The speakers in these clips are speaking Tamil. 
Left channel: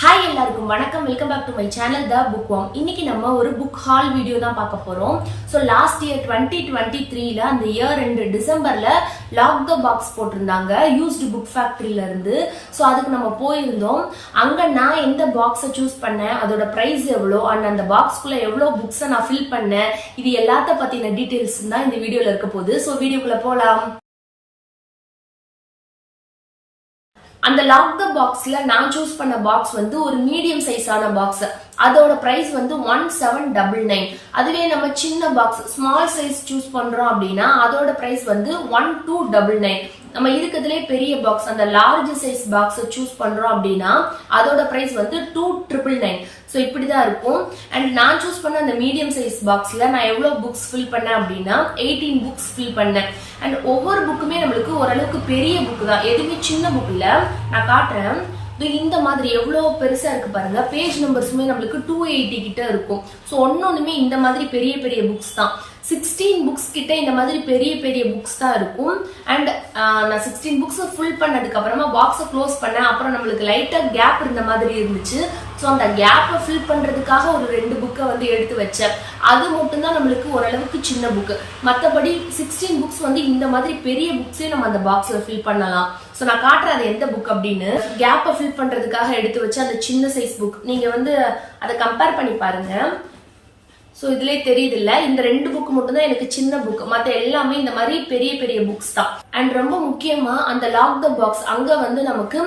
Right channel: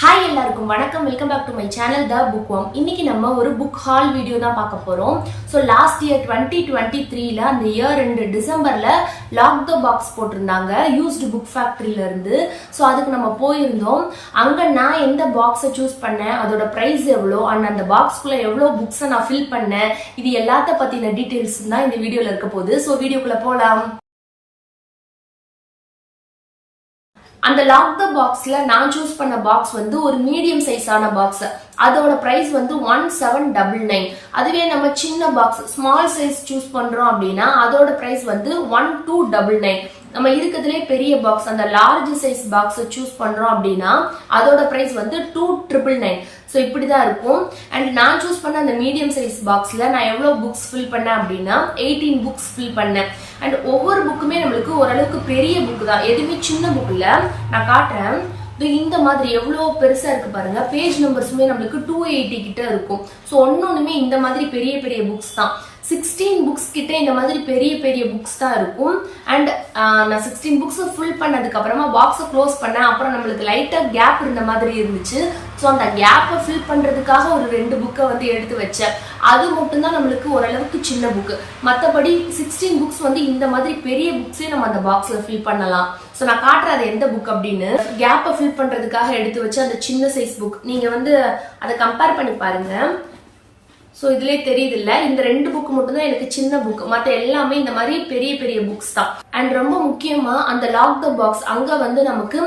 ஹாய் எல்லாருக்கும் வணக்கம். Welcome back to my channel the book worm. இன்னைக்கு நம்ம ஒரு புக் ஹால் வீடியோ தான் பார்க்க போறோம். ஸோ லாஸ்ட் இயர் 2023ல அந்த இயர் 2 டிசம்பர்ல லாக் த பாக்ஸ் போட்டிருந்தாங்க யூஸ்டு புக் ஃபேக்டரியில இருந்து. ஸோ அதுக்கு நம்ம போயிருந்தோம். அங்க நான் எந்த பாக்ஸை சூஸ் பண்ணேன், அதோட பிரைஸ் எவ்வளோ, அண்ட் அந்த பாக்ஸ்குள்ள எவ்வளோ புக்ஸை நான் ஃபில் பண்ணேன், இது எல்லாத்த பத்தின டீட்டெயில்ஸ் தான் இந்த வீடியோல இருக்க போகுது. ஸோ வீடியோக்குள்ள போலாம். அந்த லாக் த பாக்ஸ்ல நான் சூஸ் பண்ண பாக்ஸ் வந்து ஒரு மீடியம் சைஸான பாக்ஸ். அதோட பிரைஸ் வந்து 1799. அதுவே நம்ம சின்ன பாக்ஸ் ஸ்மால் சைஸ் சூஸ் பண்றோம் அப்படின்னா அதோட பிரைஸ் வந்து 1299. நம்ம இருக்கிறதுலே பெரிய பாக்ஸ் அந்த லார்ஜ் சைஸ் பாக்ஸ் சூஸ் பண்றோம் அப்படின்னா அதோட பிரைஸ் வந்து 2999. ஸோ இப்படிதான் இருக்கும். அண்ட் நான் சூஸ் பண்ண அந்த மீடியம் சைஸ் பாக்ஸ்ல நான் எவ்வளவு புக்ஸ் ஃபில் பண்ணேன் அப்படின்னா 18 புக்ஸ் ஃபில் பண்ணேன். அண்ட் ஒவ்வொரு புக்குமே நம்மளுக்கு ஓரளவுக்கு பெரிய புக் தான், எதுவுமே சின்ன புக் இல்ல. நான் காட்டுறேன். இந்த மாதிரி எவ்வளவு பெருசா இருக்கு பாருங்க. பேஜ் நம்பர்ஸுமே நம்மளுக்கு 280 கிட்ட இருக்கும். ஸோ ஒன்னொன்னுமே இந்த மாதிரி பெரிய பெரிய புக்ஸ் தான். 16 புக்ஸ் கிட்ட இந்த மாதிரி பெரிய பெரிய புக்ஸ் தான் இருக்கும். அண்ட் நான் 16 புக்ஸ் ஃபுல் பண்ணதுக்கு அப்புறமா பாக்ஸை க்ளோஸ் பண்ணேன். அப்புறம் நம்மளுக்கு லைட்டா கேப் இருந்த மாதிரி இருந்துச்சு. ஸோ அந்த கேப்பை ஃபில் பண்றதுக்காக ஒரு 2 புக்கை வந்து எடுத்து வச்சேன். அது மட்டும் தான் நம்மளுக்கு ஓரளவுக்கு சின்ன புக்கு. மற்றபடி 16 புக்ஸ் வந்து இந்த மாதிரி பெரிய புக்ஸே நம்ம அந்த பாக்ஸ்ல ஃபில் பண்ணலாம். ஸோ நான் காட்டுறேன் அது எந்த புக் அப்படின்னு. கேப்பை ஃபில் பண்றதுக்காக எடுத்து வச்ச அந்த சின்ன சைஸ் புக் நீங்க வந்து அதை கம்பேர் பண்ணி பாருங்க. ஸோ இதுலேயே தெரியுது இல்ல, இந்த 2 புக் மட்டும் தான் எனக்கு சின்ன புக், மற்ற எல்லாமே இந்த மாதிரி பெரிய பெரிய புக்ஸ் தான். அண்ட் ரொம்ப முக்கியமா அந்த லாக் த பாக்ஸ் அங்க வந்து நமக்கு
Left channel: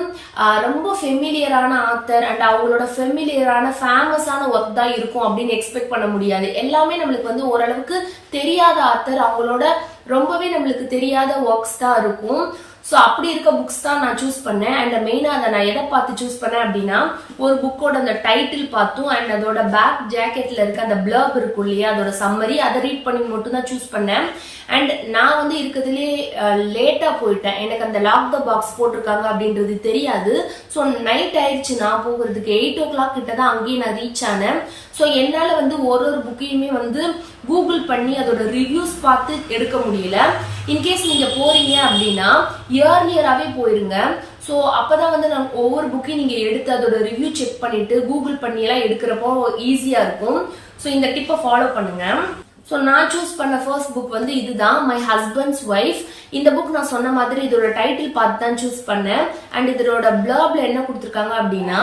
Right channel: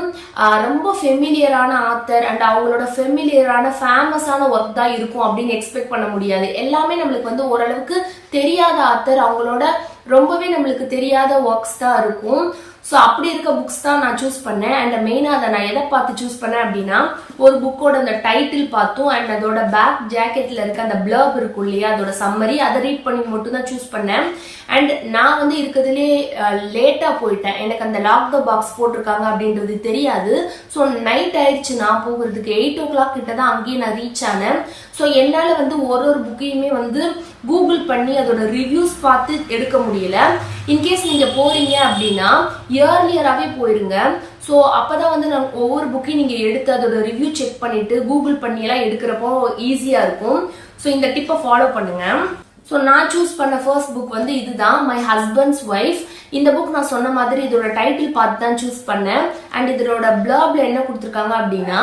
ரொம்ப ஃபெமிலியரான ஆத்தர் அண்ட் அவங்களோட ஃபெமிலியரான ஃபேமஸான ஒர்க் தான் இருக்கும் அப்படின்னு எக்ஸ்பெக்ட் பண்ண முடியாது. எல்லாமே நம்மளுக்கு வந்து ஓரளவுக்கு தெரியாத ஆத்தர், அவங்களோட ரொம்பவே நம்மளுக்கு தெரியாத ஒர்க்ஸ் தான் இருக்கும். ஸோ அப்படி இருக்க புக்ஸ் தான் நான் சூஸ் பண்ணேன். அண்ட் மெயினாக அதை நான் எதை பார்த்து சூஸ் பண்ணேன் அப்படின்னா ஒரு புக்கோட அந்த டைட்டில் பார்த்தும் அண்ட் அதோட பேக் ஜாக்கெட்ல இருக்க அந்த பிளர்ப் இருக்கும் இல்லையா, அதோட சம்மரி, அதை ரீட் பண்ணி மட்டும் தான் சூஸ் பண்ணேன். அண்ட் நான் வந்து இருக்கிறதுலே லேட்டா போயிட்டேன். எனக்கு அந்த லாக் த பாக்ஸ் போட்டிருக்காங்க அப்படின்றது தெரியாது. ஸோ நைட் ஆயிடுச்சு. நான் போகிறதுக்கு 8 o'clock கிட்ட தான் அங்கேயே நான் ரீச் ஆனேன். ஸோ என்னால வந்து ஒரு புக்கையுமே வந்து கூகுள் பண்ணி அதோட ரிவ்யூஸ் பார்த்து எடுக்க முடியல. இன்கேஸ் நீங்க போறீங்க அப்படின்னா இயர்லியராகவே போயிருங்க. ஸோ அப்பதான் வந்து நான் ஒவ்வொரு புக்கையும் நீங்க எடுத்து அதோட ரிவ்யூ செக் பண்ணிட்டு கூகுள் பண்ணி எல்லாம் எடுக்கிறப்போ ஈஸியா இருக்கும். ஸோ இந்த டிப்பை ஃபாலோ பண்ணுங்க. ஸோ நான் சூஸ் பண்ண ஃபர்ஸ்ட் புக் வந்து இதுதான், மை ஹஸ்பண்ட்ஸ் ஒய்ஃப். இந்த புக் நான் சொன்ன மாதிரி இதோட டைட்டில் பார்த்து தான் சூஸ் பண்ணேன். அண்ட் இதோட பிளர்ப்ல என்ன கொடுத்துருக்காங்க அப்படின்னா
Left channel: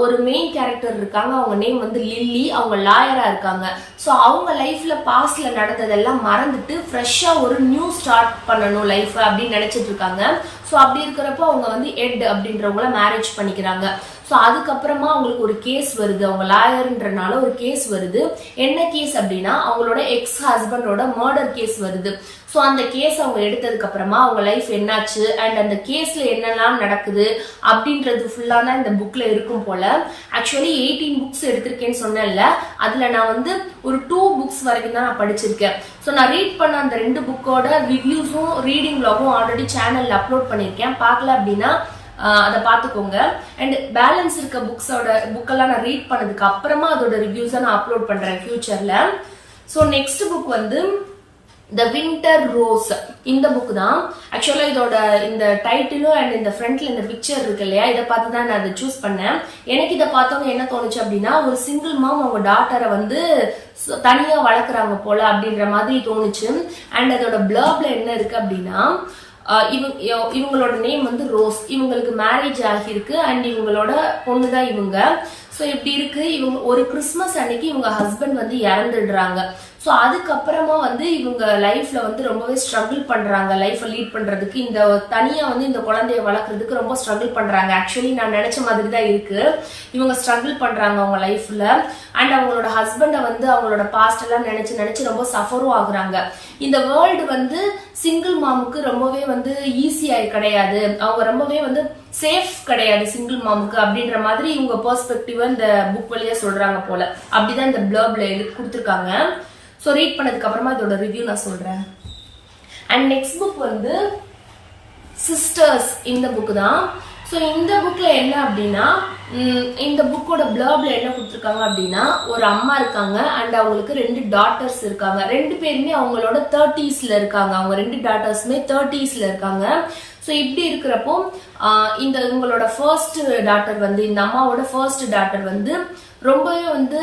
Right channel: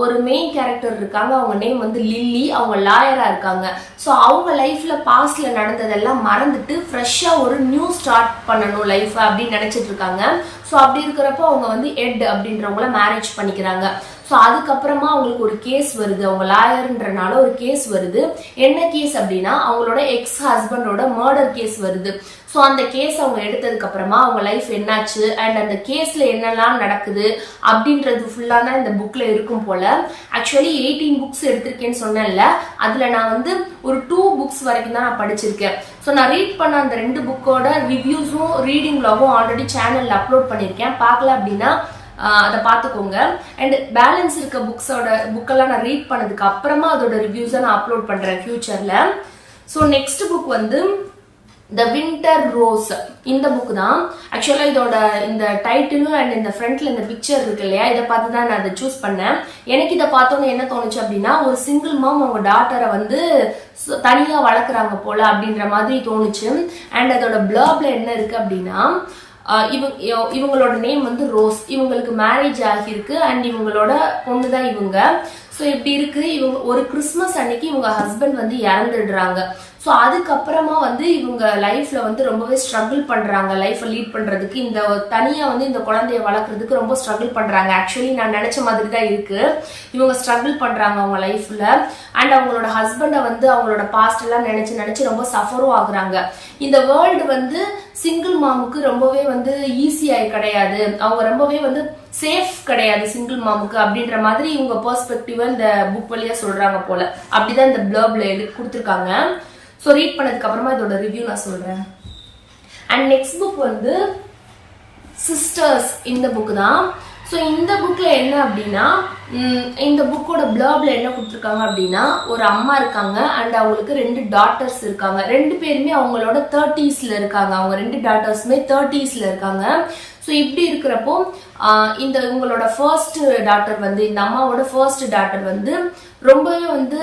ஒரு மெயின் கேரக்டர் இருக்காங்க, அவங்க நேம் வந்து லில்லி, அவங்க லாயரா இருக்காங்க. ஸோ அவங்க லைஃப்ல பாஸ்ட்ல நடந்ததெல்லாம் மறந்துட்டு ஃப்ரெஷ்ஷா ஒரு நியூ ஸ்டார்ட் பண்ணணும் லைஃப் அப்படின்னு நினைச்சிட்டு இருக்காங்க. ஸோ அப்படி இருக்கிறப்போ அவங்க வந்து எட் அப்படின்றவங்கள மேரேஜ் பண்ணிக்கிறாங்க. ஸோ அதுக்கப்புறமா அவங்களுக்கு ஒரு கேஸ் வருது, அவங்க லாயர்ன்றனால ஒரு கேஸ் வருது. என்ன கேஸ் அப்படின்னா அவங்களோட எக்ஸ் ஹஸ்பண்டோட மர்டர் கேஸ் வருது. ஸோ அந்த கேஸ் அவங்க எடுத்ததுக்கு அப்புறமா அவங்க லைஃப் என்னாச்சு அண்ட் அந்த கேஸ்ல என்னெல்லாம் நடக்குது அப்படின்றது ஃபுல்லான இந்த புக்ல இருக்கும் போல. ஆக்சுவலி 18 புக்ஸ் எடுத்திருக்கேன்னு சொன்னேன்ல, அதுல நான் வந்து ஒரு 2 புக்ஸ் வரைக்கும் தான் நான் படிச்சிருக்கேன். ஸோ நான் ரீட் பண்ண அந்த 2 புக்கோட ரிவ்யூஸும் ரீடிங் வ்ளாகும் ஆல்ரெடி சேனல்ல அப்லோட் பண்ணியிருக்கேன். பார்க்கல அப்படின்னா அதை பார்த்துக்கோங்க. அண்ட் பேலன்ஸ் இருக்க புக்கெல்லாம் நான் ரீட் பண்ணதுக்கு அப்புறமா அதோட ரிவ்யூஸை நான் அப்லோட் பண்றேன் ஃபியூச்சர்ல. ஸோ நெக்ஸ்ட் புக் வந்து த வின்டர் ரோஸ். இந்த புக் தான். ஆக்சுவலா இதோட இந்த டைட்டிலும் அண்ட் இந்த ஃப்ரண்ட்ல இந்த பிக்சர் இருக்கு இல்லையா, இதை பார்த்து தான் நான் அதை சூஸ் பண்ணேன். எனக்கு இதை பார்த்தோன்னு என்ன தோணுச்சு அப்படின்னா ஒரு சிங்கிள் மாம் அவங்க டாட்டரை வந்து தனியா வளர்க்குறாங்க போல அப்படின்ற மாதிரி தோணுச்சு. அண்ட் அதோட பிளர்ப்ல என்ன இருக்கு அப்படின்னா இவங்களோட நேம் வந்து ரோஸ், இவங்களுக்கு மேரேஜ் ஆகியிருக்கு அண்ட் இவங்களோட பொண்ணு தான் இவங்க. ஸோ இப்படி இருக்கு. இவங்க ஒரு கிறிஸ்மஸ் அன்னைக்கு இவங்க ஹஸ்பண்ட் வந்து இறந்துடுறாங்க. ஸோ அதுக்கப்புறமா வந்து இவங்க லைஃப்ல வந்து ரொம்பவே ஸ்ட்ரகிள் பண்றாங்க லைஃபை லீட் பண்றதுக்கு. இந்த தனியா வந்து இந்த குழந்தைய வளர்க்கறதுக்கு ரொம்ப ஸ்ட்ரகிள் பண்றாங்க. ஆக்சுவலி நான் நினைச்ச மாதிரி தான் இருக்கு. இவங்க ஸ்ட்ரகிள் பண்றாங்க அவங்க லைஃப்ல. அண்ட் அவங்களோட ஹஸ்பண்டை வந்து அவங்களோட பாஸ்ட் எல்லாம் நினைச்சு நினைச்சு ரொம்ப சஃபரும் ஆகுறாங்க. இந்த வேர்ல்டு வந்து சிங்கிள் மாமுக்கு ரொம்பவே வந்து ஈஸியாய் கிடையாது, அவங்க ரொம்பவே வந்து சேஃப் கிடையாது சிங்கிள் மாமுக்கு அப்படின்ற மாதிரி இவங்க பெர்ஸ்பெக்டிவ் இந்த புக் வழியா சொல்றாங்க போல. அப்படிதான் இந்த பிளர்ப்ல கொடுத்துருக்காங்க. ஸோ ரீட் பண்ணதுக்கு அப்புறமா இதோட ரிவ்யூ நான் சொல்றேன். அண்ட் நெக்ஸ்ட் புக் வந்து சிஸ்டர்ஸ். இந்த புக் தான். ஸோ இந்த புக்ல என்ன அப்படின்னா இந்த புக்கோட பிளர்ப்ல என்ன கொடுத்துருக்காங்க அப்படின்னா ஒரு அம்மா இருக்காங்க அண்ட் அவங்களுக்கு 2 டாட்டர்ஸ் இருக்காங்க. 2 பேருமே அவங்களோட 30sல இருக்காங்க. அவங்க 2 டாட்டர்ஸுமே 30sல இருக்காங்க. ஸோ இப்படி இருக்கிறப்போ இந்த உங்களோட ஃபர்ஸ்ட் டாட்டர் வந்து இந்த அம்மாவோட ஃபர்ஸ்ட் டாட்டர் வந்து ரொம்பவே வந்து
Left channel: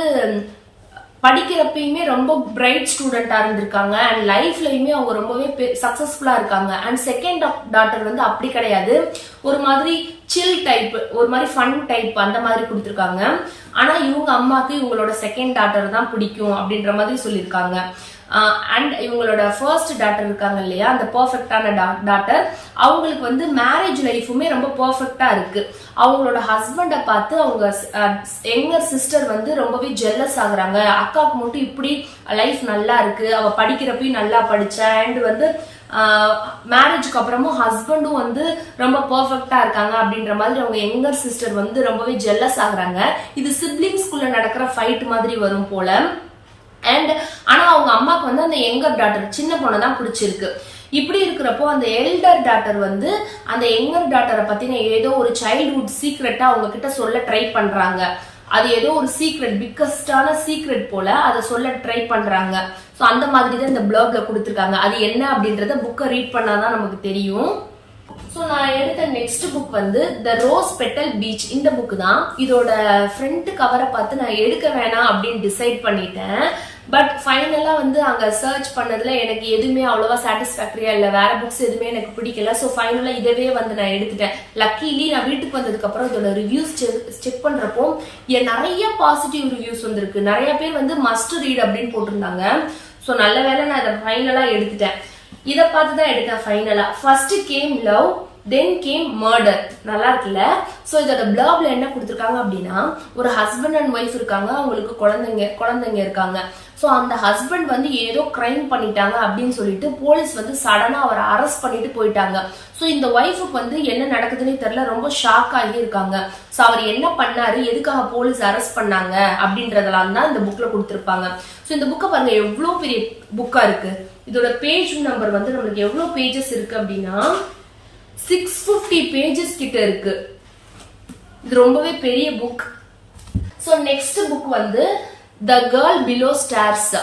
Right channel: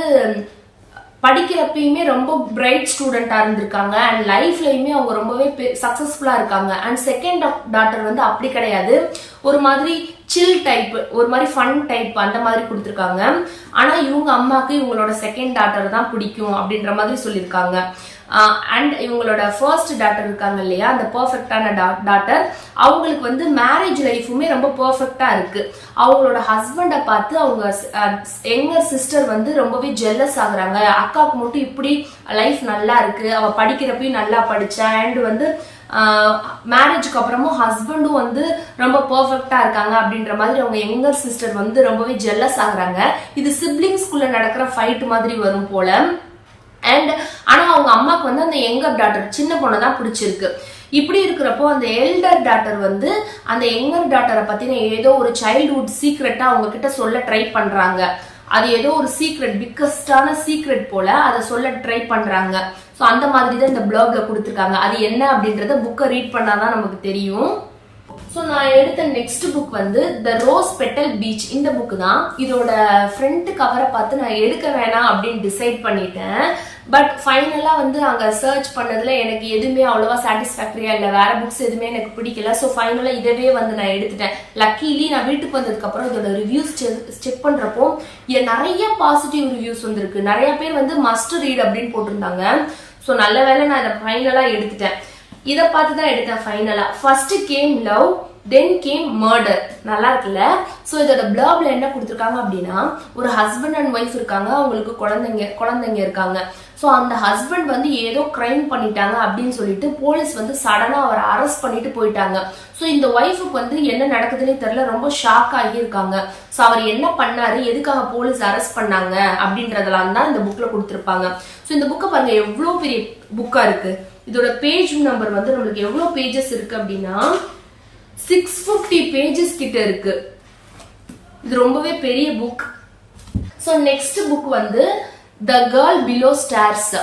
படிக்கிறப்பயுமே ரொம்ப பிரைட் ஸ்டூடெண்டா இருந்திருக்காங்க அண்ட் லைஃப்லயுமே அவங்க ரொம்பவே சக்சஸ்ஃபுல்லா இருக்காங்க. அண்ட் செகண்ட் டாட்டர் வந்து அப்படி கிடையாது, ஒரு மாதிரி சில் டைப், ஒரு மாதிரி ஃபன் டைப் அந்த மாதிரி கொடுத்துருக்காங்க. ஆனா இவங்க அம்மாக்கு இவங்களோட செகண்ட் டாட்டர் தான் பிடிக்கும் அப்படின்ற மாதிரி சொல்லியிருக்காங்க. அண்ட் இவங்களோட ஃபர்ஸ்ட் டாட்டர் இருக்காங்க இல்லையா, அந்த பர்ஃபெக்டான டாட்டர், அவங்களுக்கு வந்து மேரேஜ் லைஃபுமே ரொம்ப பர்ஃபெக்டா இருக்கு. அவங்களோட ஹஸ்பண்டை பார்த்து அவங்க யங்கர் சிஸ்டர் வந்து ரொம்பவே ஜெல்லஸ் ஆகுறாங்க. அக்காவுக்கு மட்டும் இப்படி லைஃப் நல்லா இருக்கு, அவ படிக்கிறப்பயும் நல்லா படிச்சா, அண்ட் வந்து மேரேஜ்க்கு அப்புறமும் ஹஸ்பண்டும் வந்து ரொம்ப பர்ஃபெக்டா இருக்காங்க அப்படின்ற மாதிரி அவங்க யங்கர் சிஸ்டர் வந்து ரொம்பவே ஜெல்லஸ் ஆகுறாங்க. இது சிப்ளிங்ஸ்குள்ள நடக்கிற ஃபைட் மாதிரி வரும் போல. அண்ட் ஆனா அவங்க அம்மாக்கு வந்து அந்த யங்கர் டாட்டர் சின்ன பொண்ணை தான் பிடிச்சிருக்கு. இப்படி இருக்கிறப்போ அந்த எல்டர் டாட்டர் வந்து அந்த யங்கர் டாட்டரை பத்தின ஏதோ ஒரு சைல்ட்ஹுட் சீக்ரெட்டா அவங்க கிட்ட சொல்ல ட்ரை பண்றாங்க. அது ஏதோ ஒரு சீக்ரெட், பிக்கஸ்டான சீக்ரெட் போல அதை சொல்ல ட்ரை பண்றாங்க. ஸோ அந்த மாதிரி தான் இந்த பிளாக்ல கொடுத்துருக்காங்க. அது என்ன அப்படின்றத புக்கை ரீட் பண்ணாதான் நமக்கு தெரியும். ஸோ நான் எடுத்த நெக்ஸ்ட் புக் வந்து த ரோஸ் பெட்டல் பீச். இந்த புக் தான். இதோட ஃப்ரண்ட் கவரை பார்த்து நான் எடுக்க வேணாம் அப்படின்னு டிசைட் பண்ணிட்டேன். பட் ஃபைனலா வந்து அங்க சர்ச் பண்ணதுல எனக்கு எதுவுமே அவ்வளவா சாட்டிஸ்ஃபேக்டரியா இல்லை, வேற புக்ஸ் எதுவுமே எனக்கு பிடிக்கல. ஸோ ஃபைனலா இதவே வந்து நான் எடுத்துட்டேன். லக்கிலி நான் வீட்டுக்கு வந்ததுக்கு அப்புறம் இதோட ரிவ்யூஸ் செக் பண்றப்போ நிறைய பாசிட்டிவ் ரிவ்யூஸ் வந்திருக்கு. நிறைய பேர் வந்து மஸ்ட் ரீட் அப்படின்னு போட்டிருந்தாங்க. ஸோ நல்ல வேலை நான் இதை ஃபைனலா எடுத்துட்டேன். இதை பார்த்து தான் எடுத்தேன் ஃபைனலா. First game love, then came murder. நல்லா இருக்குல்ல? ஸோ இதோட பிளாக்ல என்ன கொடுத்துருக்காங்க அப்படின்னா, ஒரு ஹஸ்பண்ட் அண்ட் ஒய்ஃப் இருக்காங்க, அவங்களுக்கு குழந்தைங்க இருக்காங்க. ஸோ அந்த ஹஸ்பண்ட் வந்து ஏதோ கிரைம் பண்ணிட்டாங்க அப்படின்னு சொல்லிட்டு போலீஸ் வந்து சடனா அவரை அரெஸ்ட் பண்ணிட்டு போயிட்டாங்க. ஸோ இந்த ஒய்ஃபுக்கு வந்து என்ன நடக்குதுன்னே தெரியல, ரொம்ப ஷாக் ஆகி இருக்காங்க. ஸோ அவர் என்ன பண்ணாரு, எதுக்காக போலீஸ் அரெஸ்ட் பண்ணாங்க அப்படின்றதெல்லாம் தான் இந்த புக்ல கொடுத்துருப்பாங்க. ஸோ இந்த புக்கை பாருங்க எவ்வளோ பெரிய புக்கா இருக்கு. இதோட பேஜ் நம்பர் வந்து நம்மளுக்கு எவ்வளவு பேஜஸ் இருக்கு அப்படின்னா 650 பேஜஸ் கிட்ட இருக்கு. இது ரொம்பவே பெரிய புக். ஸோ நெக்ஸ்ட் புக் வந்து த கேர்ள் பிலோ ஸ்டார்ஸ்.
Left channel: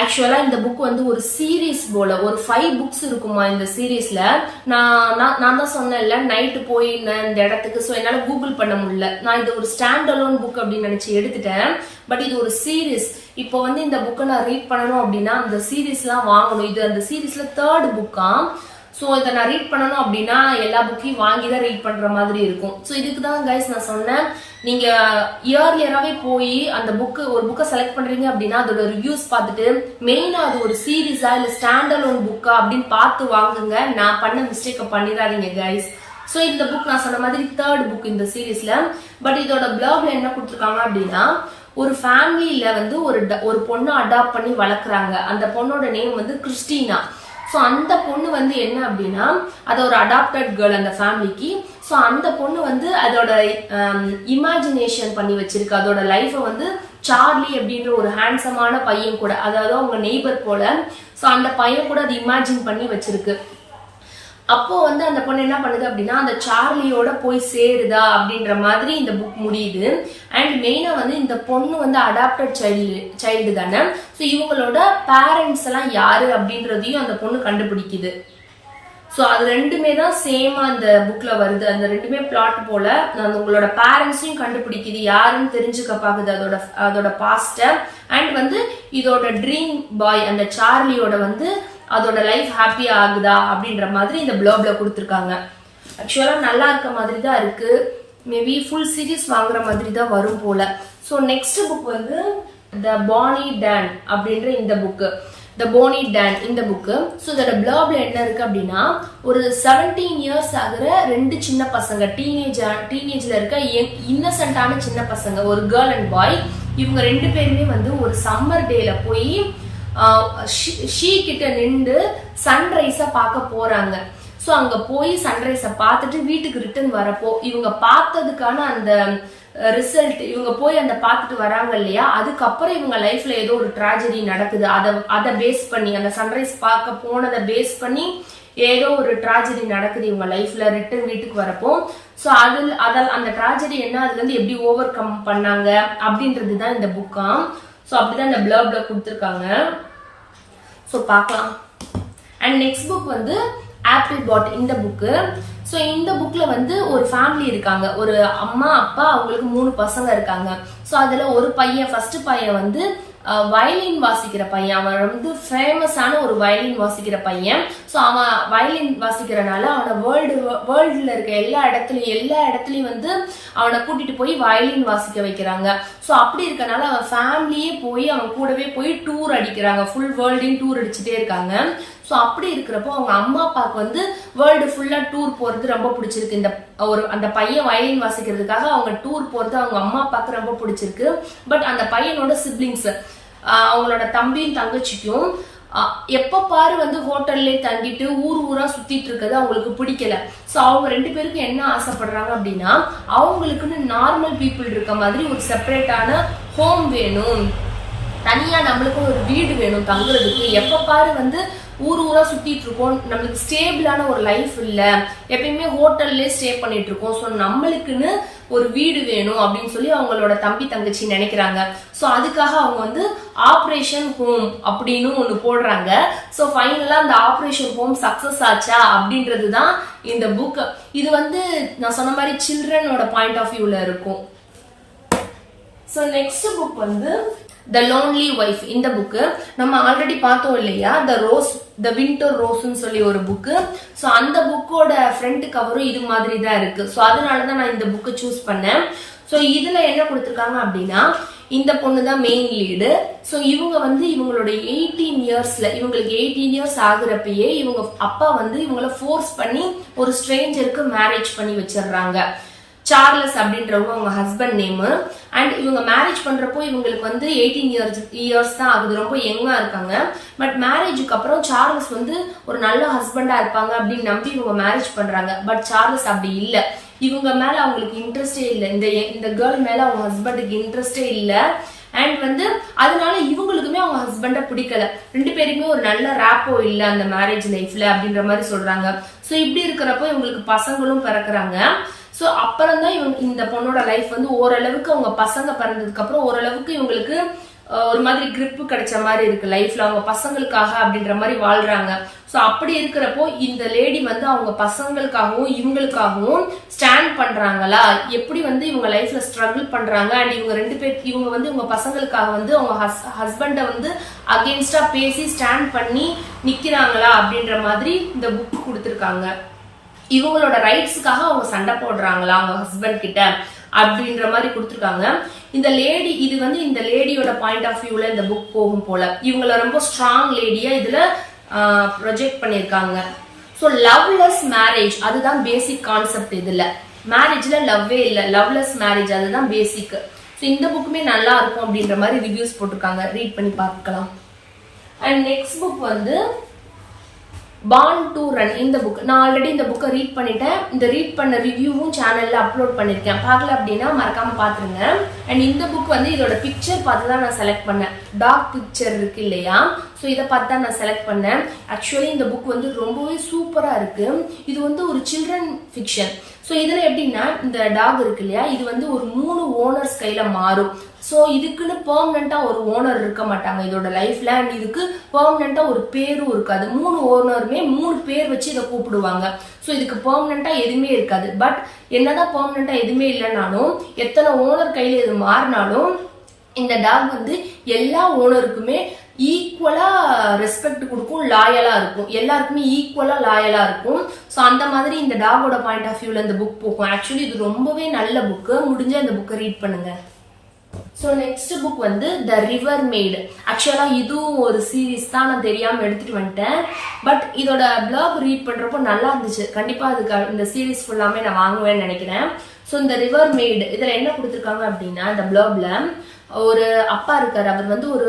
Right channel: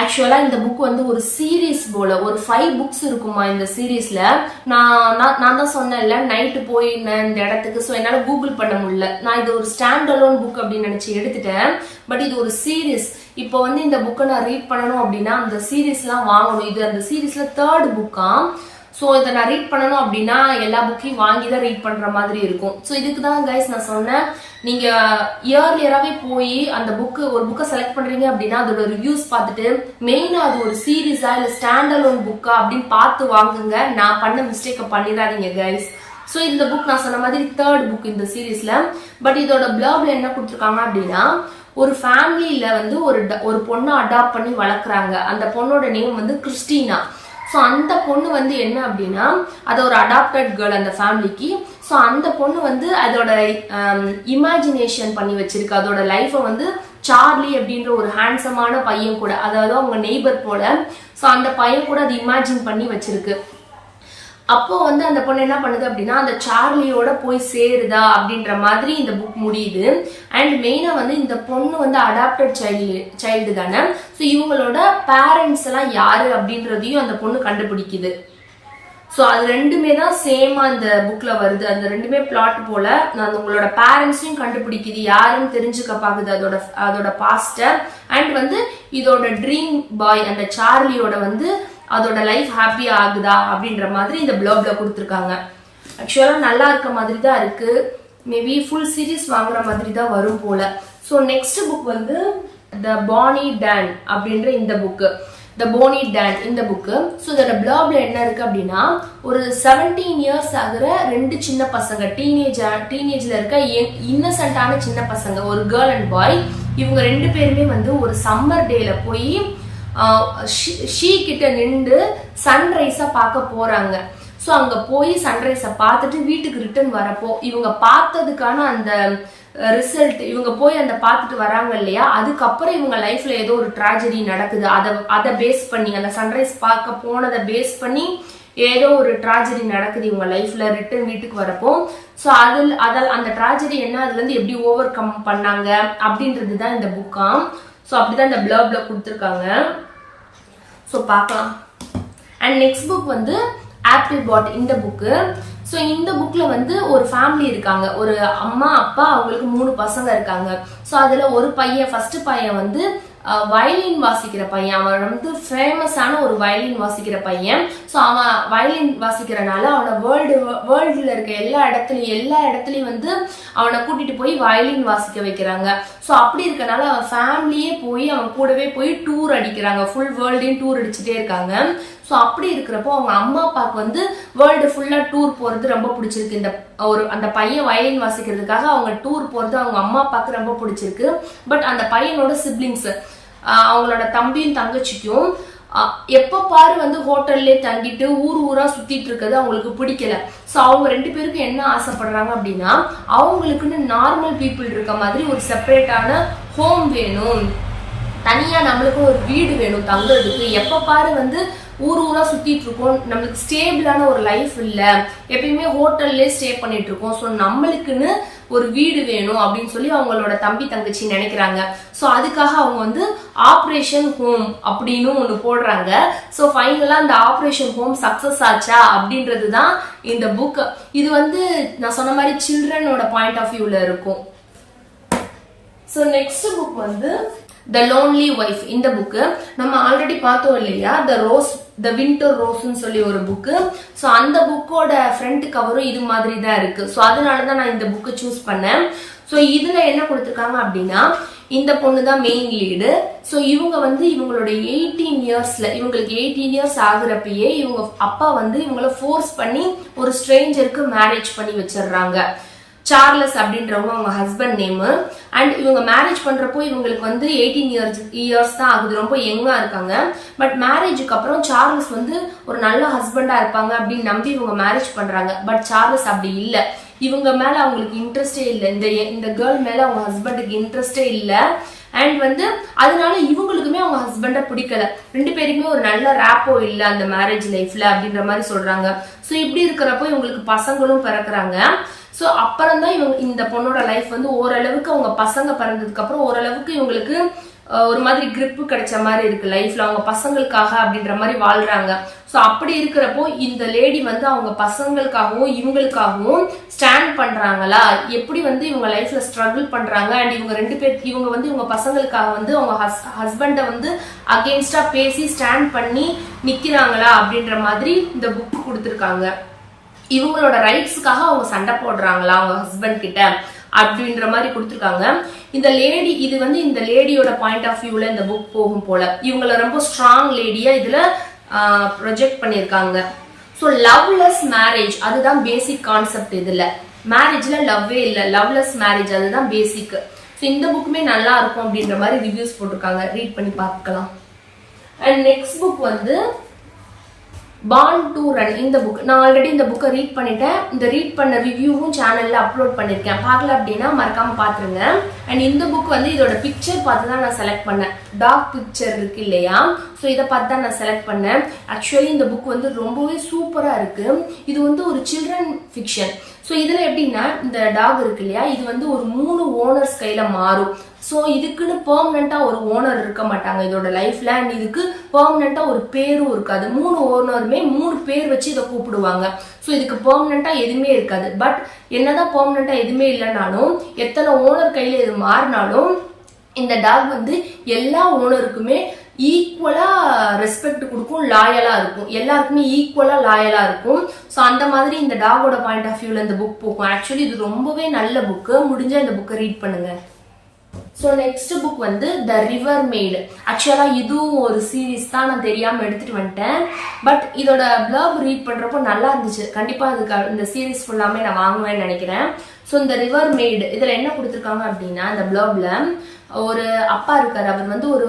ஆக்சுவலா இந்த புக் வந்து ஒரு சீரீஸ் போல, ஒரு 5 புக்ஸ் இருக்குமா இந்த சீரீஸ்ல. நான் தான் சொன்னேன்ல நைட்டு போயிருந்தேன் இந்த இடத்துக்கு. ஸோ என்னால கூகுள் பண்ண முடியல. நான் இது ஒரு ஸ்டாண்ட் அலோன் புக் அப்படின்னு நினைச்சு எடுத்துட்டேன். பட் இது ஒரு சீரீஸ். இப்போ வந்து இந்த புக்கை நான் ரீட் பண்ணணும் அப்படின்னா அந்த சீரீஸ்லாம் வாங்கணும். இது அந்த சீரீஸ்ல 3rd புக்கா. ஸோ இதை நான் ரீட் பண்ணணும் அப்படின்னா எல்லா புக்கையும் வாங்கி தான் ரீட் பண்ற மாதிரி இருக்கும். ஸோ இதுக்கு தான் கைஸ் நான் சொன்னேன், நீங்க இயர்லியராகவே போய் அந்த ஒரு புக்கை செலக்ட் பண்றீங்க அப்படின்னா அதோட ரிவ்யூஸ் பார்த்துட்டு மெயினா அது ஒரு சீரீஸா இல்ல ஸ்டாண்ட் அலோன் புக்கா அப்படின்னு பார்த்து வாங்குங்க. நான் பண்ண மிஸ்டேக்கை பண்ணிடாதீங்க கைஸ். ஸோ இந்த புக் நான் சொன்ன மாதிரி 3rd புக் இந்த சீரீஸ்ல. பட் இதோட பிளாக்ல என்ன கொடுத்துருக்காங்க அப்படின்னா, ஒரு ஃபேமிலியில வந்து ஒரு பொண்ணை அடாப்ட் பண்ணி வளர்க்குறாங்க. அந்த பொண்ணோட நேம் வந்து கிறிஸ்டினா. ஸோ அந்த பொண்ணு வந்து என்ன அப்படின்னா, அது ஒரு அடாப்டட் கேர்ள் அந்த ஃபேமிலிக்கு. ஸோ அந்த பொண்ணு வந்து அதோட இமேஜினேஷன் பண்ணி வச்சிருக்கு. அதோட லைஃபை வந்து சார்லி அப்படின்ற ஒரு ஹேண்ட்ஸமான பையன் கூட, அதாவது அவங்க நெய்பர் போல, ஸோ அந்த பையன் கூட அது இமேஜின் பண்ணி வச்சிருக்கு. அப்போ வந்து அந்த பொண்ணு என்ன பண்ணுது அப்படின்னா, அந்த சார்லியோட போய் சேருதா அப்படின்ற மாதிரி இந்த புக் முடியுது. அண்ட் மெயினா வந்து இந்த பொண்ணு வந்து அடாப்டட் சைல்டு தானே. ஸோ இவங்களோட பேரண்ட்ஸ் எல்லாம் யாரு அப்படின்றதையும் அந்த பொண்ணு கண்டுபிடிக்குது. ஸோ அது ரெண்டுமே தான் சேமா இந்த புக்ல வருது. அந்த ரெண்டுமே பிளாட் போல. அந்த உங்களோட பேரண்ட்ஸையும் கண்டுபிடிக்குது, யாருன்னு தெரிஞ்சுக்க பாக்குது அதோட பாஸ்ட. அண்ட் வந்து இதோட ட்ரீம் பாய் அந்த சார்லியோட வந்து அதோட லைஃப் ஹாப்பி ஆகுதா அப்படின்ற மாதிரி இந்த பிளாக்ல கொடுத்துருக்காங்க. ஆக்சுவலா நல்லா இருக்க மாதிரி தான் இருக்கு. மேபி ஃபுல் சீரீஸ் வாங்குற மாதிரி தான் வரும் போல. ஸோ நெக்ஸ்ட் புக் வந்து த பானி டான் அப்படின்ற இந்த புக்கு. த போனி டான் இந்த புக்கு. ஸோ இதோட பிளாக்ல என்ன இருக்கு அப்படின்னா, ஒரு 17 இயர்ஸ் ஆகுற 2 சின்ன பசங்க, டீனேஜ்ல இருக்க இன்னசென்டான சின்ன பசங்க, ஒரு கேர்ள் அண்ட் பாய். இவங்க 2 பேருமே வந்து ஒரு சம்மர் டேல போய் ஷீ கிட்ட நின்று சன்ரைஸ பார்க்க போறாங்க. ஸோ அங்க போய் சன்ரைஸ பார்த்துட்டு வீட்டுக்கு ரிட்டர்ன் வரப்போ இவங்க பார்த்ததுக்கான அந்த ரிசல்ட், இவங்க போய் அந்த பார்த்துட்டு வராங்க இல்லையா, அதுக்கப்புறம் இவங்க லைஃப்ல ஏதோ ஒரு ட்ராஜடி நடக்குது. அதை பேஸ் பண்ணி, அந்த சன்ரைஸ் பார்க்க போனதை பேஸ் பண்ணி ஏதோ ஒரு ட்ராஜடி நடக்குது இவங்க லைஃப்ல ரிட்டர்ன் வீட்டுக்கு வரப்போ. ஸோ அந்த ட்ராஜடி என்ன, அதுல இருந்து எப்படி ஓவர் கம் பண்ணாங்க அப்படின்றது தான் இந்த புக்காம். ஸோ அப்படிதான் இந்த பிளாக்ல கொடுத்துருக்காங்க. ஸோ பார்க்கலாம். அண்ட் நெக்ஸ்ட் புக் வந்து ஆப்பிள் பாட் இந்த புக்கு. ஸோ இந்த புக்ல வந்து ஒரு ஃபேமிலி இருக்காங்க, ஒரு அம்மா அப்பா, அவங்களுக்கு 3 பசங்க இருக்காங்க. ஸோ அதுல ஒரு பையன், ஃபர்ஸ்ட் பையன் வந்து வயலின் வாசிக்கிற பையன். அவன் வந்து ஃபேமஸான ஒரு வயலின் வாசிக்கிற பையன். ஸோ அவன் வயலின் வாசிக்கிறனால அவனை வேர்ல்டுல இருக்க எல்லா இடத்துலயும் வந்து அவனை கூட்டிட்டு போய் வயலின் வாசிக்க வைக்கிறாங்க. ஸோ அப்படி இருக்கனால அவன் ஃபேமிலியே போய் அவன் கூடவே போய் டூர் அடிக்கிறாங்க, ஃபுல் வேர்ல்டையும் டூர் அடிச்சுட்டே இருக்காங்க. ஸோ அப்படி இருக்கிறப்போ அவங்க அம்மா அப்பாவுக்கு வந்து வேர்ல்டு ஃபுல்லா டூர் போறது ரொம்ப பிடிச்சிருக்கு. அந்த பையன் வயலின் வாசிக்கிறதுக்காக அவங்க டூர் போறது அவங்க அம்மா அப்பாவுக்கு ரொம்ப பிடிச்சிருக்கு. பட் அந்த பையனோட சிப்ளிங்ஸ், அவங்களோட தம்பியும் தங்கச்சிக்கும் எப்ப பாரு வந்து ஹோட்டல்லே தங்கிட்டு ஊரா சுத்திட்டு இருக்கிறது அவங்களுக்கு பிடிக்கல. சோ அவங்க 2 பேருக்கும் என்ன ஆசைப்படுறாங்க அப்படின்னா, அவங்களுக்குன்னு நார்மல் பீப்புள் இருக்க மாதிரி ஒரு செப்பரேட்டான ஹோம் வேணும், தனியா நம்மளுக்கும் ஒரு வீடு வேணும் தங்குறதுக்கு. எப்ப பாரு வந்து ஊரா சுத்திட்டு இருக்கோம், நம்மளுக்கு ஸ்டேபிளான ஒரு லைஃப் இல்ல, எப்பயுமே ஹோட்டல்லே ஸ்டே பண்ணிட்டு இருக்கோம். ஸோ நம்மளுக்குன்னு ஒரு வீடு வேணும் அப்படின்னு சொல்லி அவங்களோட தம்பி தங்கச்சி நினைக்கிறாங்க. ஸோ அதுக்காக அவங்க வந்து ஆப்ரேஷன் ஹோம் அப்படின்னு ஒண்ணு போடுறாங்க. ஸோ ஃபைனலா அந்த ஆப்ரேஷன் ஹோம் சக்சஸ் ஆச்சா அப்படின்றது தான் இந்த புக். இது வந்து நான் சொன்ன மாதிரி சில்ட்ரனோட பாயிண்ட் ஆஃப் வியூல இருக்கும். ஸோ நெக்ஸ்ட் புக் வந்து த லோன்லி ஒய்ஃப். இந்த புக்கு நம்ம ஆல்ரெடி பார்த்தோம் இல்லையா, த வின்டர் ரோஸ்ன்னு சொல்லி ஒரு புக்கு. ஸோ அந்த புக்கோட ஃப்ரண்ட் கவரும் இது மாதிரி தான் இருக்கு. ஸோ அதனாலதான் நான் இந்த புக்கை சூஸ் பண்ணேன். ஸோ இதுல என்ன கொடுத்துருக்காங்க அப்படின்னா, இந்த பொண்ணு தான் மெயின் லீடு. ஸோ இவங்க வந்து இவங்களோட 18 இயர்ஸ்ல, இவங்களுக்கு 18 இயர்ஸ் ஆகுறப்பயே இவங்க அப்பா வந்து இவங்கள ஃபோர்ஸ் பண்ணி ஒரு ஸ்ட்ரேஞ்சருக்கு மேரேஜ் பண்ணி வச்சிடுறாங்க. சார்லஸ் அப்படின்றவங்க அவங்க ஹஸ்பண்ட் நேமு. அண்ட் இவங்க மேரேஜ் பண்றப்போ இவங்களுக்கு வந்து 18 இயர்ஸ் தான் ஆகுது, ரொம்ப யங்கா இருக்காங்க. பட் மேரேஜுக்கு அப்புறம் சார்லஸ் வந்து ஒரு நல்ல ஹஸ்பண்டா இருப்பாங்க அப்படின்னு நம்பி இவங்க மேரேஜ் பண்றாங்க. பட் சார்லஸ் அப்படி இல்ல, இவங்க மேல அவங்களுக்கு இன்ட்ரெஸ்டே இல்லை, இந்த கேர்ள் மேல அவங்க ஹஸ்பண்டுக்கு இன்ட்ரெஸ்டே இல்லை. அண்ட் வந்து அதனால இவங்களுக்குமே அவங்க ஹஸ்பண்ட பிடிக்கல, 2 பேருக்குமே ஒரு நல்ல ரேப்போ இல்ல அந்த மேரேஜ் லைஃப்ல அப்படின்ற மாதிரி சொல்றாங்க. ஸோ இப்படி இருக்கிறப்போ இவங்களுக்கு பசங்களும் பிறக்குறாங்க. ஸோ அப்புறம் தான் இந்த பொண்ணோட லைஃப் வந்து ஓரளவுக்கு அவங்க பசங்க பிறந்ததுக்கு அப்புறம் ஓரளவுக்கு இவங்களுக்கு ஒரு மாதிரி கிரிப் கிடைச்ச மாதிரி இருக்கு லைஃப்ல, அவங்க பசங்களுக்காக அப்படின்ற மாதிரி வாழ்றாங்க. ஸோ அப்படி இருக்கிறப்போ இந்த லேடி வந்து அவங்க பசங்களுக்காகவும் இவங்களுக்காகவும் ஸ்டாண்ட் பண்றாங்களா, எப்படி வந்து இவங்க லைஃப்ல ஸ்ட்ரகிள் பண்றாங்க. அண்ட் இவங்க 2 பேர் இவங்க வந்து இவங்க பசங்களுக்காக வந்து அவங்க ஹஸ்பண்ட வந்து அகெயின்ஸ்டா பேசி ஸ்டாண்ட் பண்ணி நிக்கிறாங்களா அப்படின்ற மாதிரி இந்த புக் கொடுத்துருக்காங்க. இவங்களோட ரைட்ஸ்க்காக அவங்க சண்டை போடுறாங்களா அவங்க ஹஸ்பண்ட் கிட்ட அப்படின்ற மாதிரி கொடுத்துருக்காங்க. இந்த லேடி, இது வந்து இந்த லேடியோட பாயிண்ட் ஆஃப் வியூல இந்த புக் போகும் போல. இவங்கள ரொம்ப ஸ்ட்ராங் லேடியா இதுல ப்ரொஜெக்ட் பண்ணிருக்காங்க. ஸோ லவ்லெஸ் மேரேஜ் அதுதான் பேசிக் கான்செப்ட். இதுல மேரேஜ்ல லவ்வே இல்லை, லவ்லெஸ் மேரேஜ் அதுதான் பேசிக். ஸோ இந்த புக்குமே நல்லா இருக்கும் அப்படின்ற மாதிரி ரிவ்யூஸ் போட்டிருக்காங்க, ரீட் பண்ணி பார்க்கலாம். அண்ட் நெக்ஸ்ட் புக் வந்து Born to Run. இந்த புக் நான் ஆல்ரெடி இந்த புக்கை ரீட் பண்ணிட்டேன். இந்த ரீட் பண்ண ரிவ்யூவும் சேனல்ல அப்லோட் பண்ணிருக்கேன், பார்க்கல அப்படின்னா மறக்காம பாத்துருங்க. அண்ட் இந்த புக் வந்து இதோட பிக்சர் பார்த்து தான் நான் செலக்ட் பண்ணேன். டாக் பிக்சர் இருக்கு இல்லையா, ஸோ இதை பார்த்து தான் நான் செலக்ட் பண்ணேன். ஆக்சுவலி இந்த புக் வந்து ரொம்பவே சூப்பரா இருக்கு. இது வந்து ஒரு சில்ட்ரன் ஃபிக்ஷன். ஸோ இதுல எப்படின்னா, இந்த டாக் இருக்கு இல்லையா, இது வந்து ஒரு 3 ஓனர்ஸ் கையில மாறும். ஸோ இதுக்குன்னு பெர்மனண்டா ஒரு ஓனர் இருக்க மாட்டாங்க இதோட லைஃப்ல. அண்ட் இதுக்கு பெர்மனண்டா ஒரு பேரும் இருக்காது. 3 ஓனருமே 3 பேர் வச்சு இதை கூப்பிடுவாங்க. ஸோ இதுக்கு பெர்மனண்டா எதுவுமே இருக்காது. பட் என்னதான் பெர்மனண்டா எதுவுமே இல்லைனாலும், எத்தனை ஓனர் கையில இது மாறினாலும் இந்த டாக் வந்து எல்லா ஓனருக்குமே ஈக்குவலா ரெஸ்பெக்ட் கொடுக்கும், லாயலா இருக்கும், எல்லாருக்குமே ஈக்குவலா லாயலா இருக்கும். ஸோ அந்த மாதிரி இந்த டாகோட பாயிண்ட் ஆஃப் வியூல இந்த புக் போகும். ஆக்சுவலி இது ரொம்பவே நல்ல புக்கு, முடிஞ்சா இந்த புக்கை ரீட் பண்ணுங்க. ஸோ நெக்ஸ்ட் புக் வந்து த ரிவர் மேட். ஆக்சுவலா இதுவும் ஒரு சீரீஸ் தான், நான் தெரியாம எடுத்துட்டு வந்துட்டேன். பட் இதோட பிளாக் ரீட் பண்றப்போ நல்லா இருந்துச்சு. கண்டிப்பா அதுக்கு இந்த சீரீஸ் ஃபுல்லாமே நான் வாங்குவேன்னு நினைக்கிறேன். ஸோ இந்த ரிவர் மேட் இதுல என்ன கொடுத்துருக்காங்க அப்படின்னா, இந்த பிளாக்ல ஒரு அப்பா இருக்காரு, அவர் வந்து ஒரு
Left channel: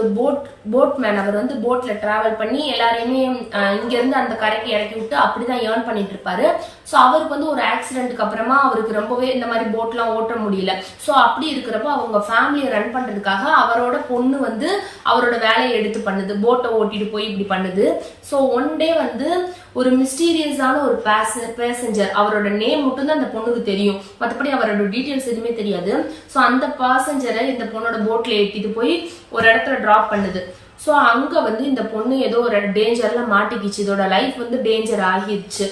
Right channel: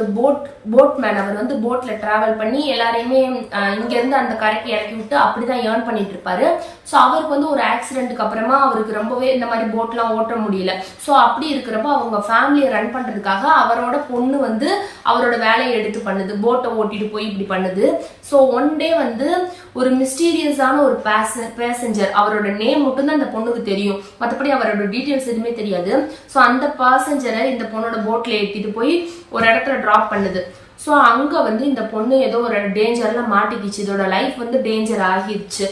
போட் மேன். அவர் வந்து போட்ல டிராவல் பண்ணி எல்லாரையுமே இங்க இருந்து அந்த கரைக்கு இறக்கி விட்டு அப்படிதான் ஏர்ன் பண்ணிட்டு இருப்பாரு. ஸோ அவருக்கு வந்து ஒரு ஆக்சிடென்ட்க்கு அப்புறமா அவருக்கு ரொம்பவே இந்த மாதிரி போட்லாம் ஓட்ட முடியல. ஸோ அப்படி இருக்கிறப்ப அவங்க ஃபேமிலியை ரன் பண்றதுக்காக அவரோட பொண்ணு வந்து அவரோட வேலையை எடுத்து பண்ணுது, போட்டை ஓட்டிட்டு போய் இப்படி பண்ணுது. ஸோ ஒன் டே வந்து ஒரு மிஸ்டீரியஸான ஒரு பேசஞ்சர், அவரோட நேம் மட்டும் தான் அந்த பொண்ணுக்கு தெரியும், மற்றபடி அவரோட டீட்டெயில்ஸ் எதுவுமே தெரியாது. ஸோ அந்த பேசஞ்சரை இந்த பொண்ணோட போட்ல ஏத்திட்டு போய் ஒரு இடத்துல டிராப் பண்ணுது. ஸோ அங்க வந்து இந்த பொண்ணு ஏதோ ஒரு டேஞ்சர்ல மாட்டிக்கிச்சு, இதோட லைஃப் வந்து டேஞ்சர் ஆகிடுச்சு.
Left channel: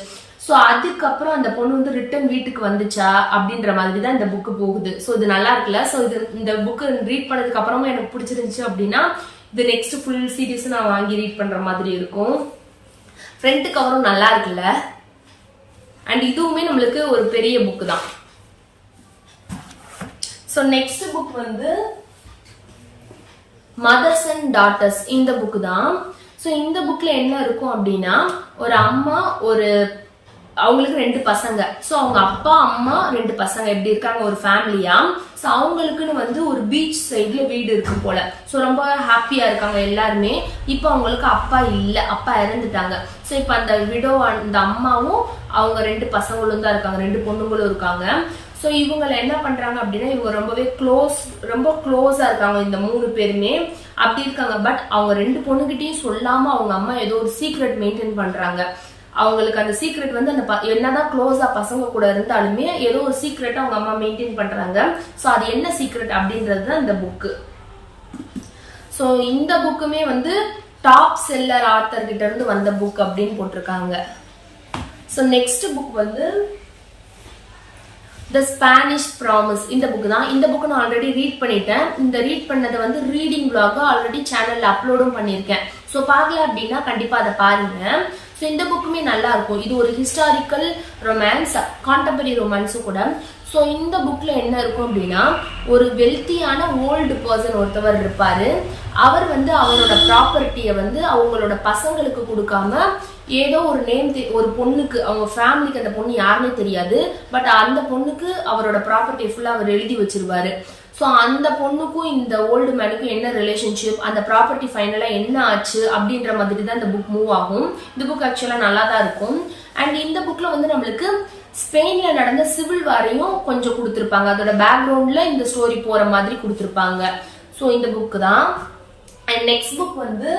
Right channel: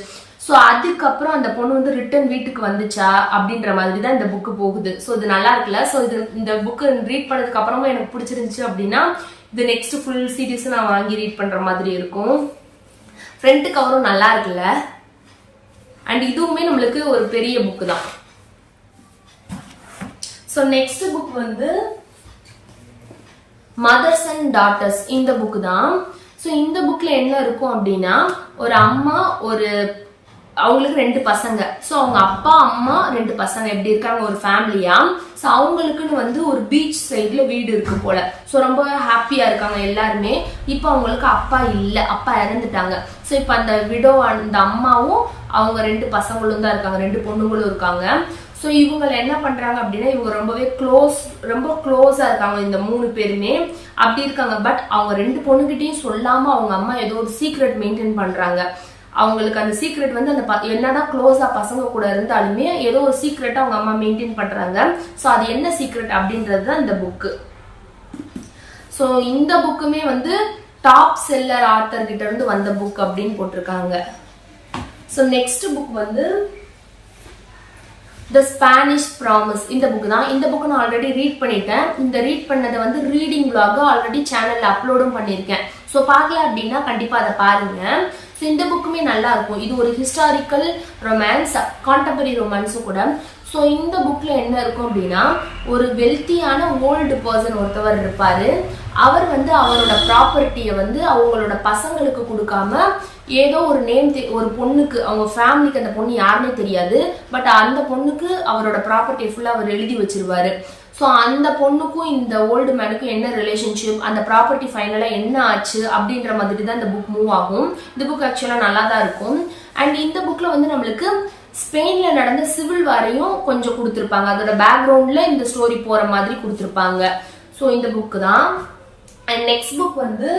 ஸோ அதுக்கப்புறம் அந்த பொண்ணு வந்து ரிட்டர்ன் வீட்டுக்கு வந்துச்சா அப்படின்ற மாதிரி தான் இந்த புக்கு போகுது. ஸோ இது நல்லா இருக்குல்ல. ஸோ இது இந்த புக்கு ரீட் பண்ணதுக்கு அப்புறமா எனக்கு பிடிச்சிருந்துச்சு அப்படின்னா இது நெக்ஸ்ட் ஃபுல் சீரீஸ் நான் வாங்கி ரீட் பண்ற மாதிரி இருக்கும். ஃப்ரண்ட் கவரும் நல்லா இருக்குல்ல. அண்ட் இதுவுமே நம்மளுக்கு ஒரு பெரிய புக்கு தான். ஸோ நெக்ஸ்ட் புக் வந்து மதர்ஸ் அண்ட் டாட்டர்ஸ், இந்த புக்கு தான். ஸோ இந்த புக்ல என்ன இருக்கும் அப்படின்னா ஒரு அம்மா அவங்களுக்கு 2 பசங்க. ஸோ அவங்க அப்பா அம்மா 2 பசங்க எப்படி இருக்காங்க ஒரு ஃபேமிலியா. ஸோ அவங்களுக்குன்னு வந்து ஒரு பீச் சைட்ல வீடு இருக்கு போல. ஸோ ரொம்ப ஹாப்பியா இருக்காங்க எல்லாருமே. இப்போ அவங்களுக்கு அப்பா இல்லை, அப்பா இறந்துட்டாங்க. ஸோ இப்போ அந்த விடோ அந்த அம்மாவும் அவங்க 2 பசங்களும் தான் இருக்காங்க, 2 பொண்ணுங்களும் இருக்காங்க. ஸோ இவங்களை என்ன பண்றாங்க அப்படின்னா இவங்க ரொம்ப க்ளோஸா இருக்காங்க இந்த 3 பேருமே அப்படி இருக்காங்க. பட் அவங்க 2 பொண்ணுகிட்டையும் சொல்லாம அவங்க அம்மா ஏதோ ஒரு சீக்ரெட் மெயின்டைன் பண்றாங்க. அவங்களுக்கு அந்த சீக்ரெட் வந்து அந்த என்னதான் க்ளோஸா பசங்க கூட இருந்தாலுமே ஏதோ ஒரு சீக்ரெட்டா அவங்க அம்மா மெயின்டைன் பண்றாங்க. ஸோ அது என்ன சீக்ரெட் அப்படின்றது தான் இந்த புக்கு. ஸோ இந்த புக்குமே வந்து டாப் செல்லர் ஆத்தர் கிட்ட இருந்து வந்த புக் அப்படின்னு போட்டிருக்காங்க. ஸோ நெக்ஸ்ட் புக் வந்து த ஸ்பானிஷ் ப்ராமிஸ், இந்த புக் தான். இந்த புக் நான் ஆல்ரெடி ரீட் பண்ணிட்டேன். இந்த ரீட் பண்ணதை வந்து ரீடிங் vlog ஆல்ரெடி சேனல்ல அப்லோடும் பண்ணியிருக்கேன். ஸோ பார்க்கல அப்படின்னா கண்டிப்பா அதை பாருங்க. ஸோ இந்த புக்குமே நல்லா இருக்கும். இது ஒரு ஹிஸ்டாரிக்கல் ரொமான்ஸ், கான்டெம்பரரி ரொமான்ஸும் கூட. ஸோ இந்த புக்ல என்ன இருக்கும் அப்படின்னா ஒரு வெல்த்தியான ஓல்டு பர்சன் ஒருத்தவர் இருப்பாரு. அவர் வந்து அவரோட ப்ராப்பர்ட்டியை வந்து அவங்களோட பசங்களுக்கு கொடுக்காம ஏதோ ஒரு ஒரு பொண்ணுக்கு, அவங்க ஃபேமிலிக்கு அந்த பொண்ணு யாருன்னே தெரியாது, பட் அந்த பொண்ணுக்கு அவரோட ப்ராப்பர்ட்டியை ஃபுல்லா அவர் எழுதி வச்சிருவாரு. ஸோ அந்த பொண்ணுக்கும் இந்த ஓல்டு மேனுக்கும் என்ன ரிலேஷன்ஷிப், அந்த ப்ராப்பர்ட்டி ஃபைனலா என்ன ஆச்சு அப்படின்ற மாதிரி தான் இந்த புக் மூவ் ஆகும். இந்த புக் ஆக்சுவலா நல்லா தான் இருக்கும். அண்ட் இந்த புக்ல வந்து நம்மளுக்கு ஸ்பெயின்ல நடந்த சிவில் வாரையும் கொஞ்சம் கொடுத்துருப்பாங்க. அதோட பேக்ரவுண்ட்ல இந்த ஸ்டோரி போற மாதிரி கொடுத்துருப்பாங்க. ஸோ இந்த புக் தான். அண்ட் நெக்ஸ்ட் புக் வந்து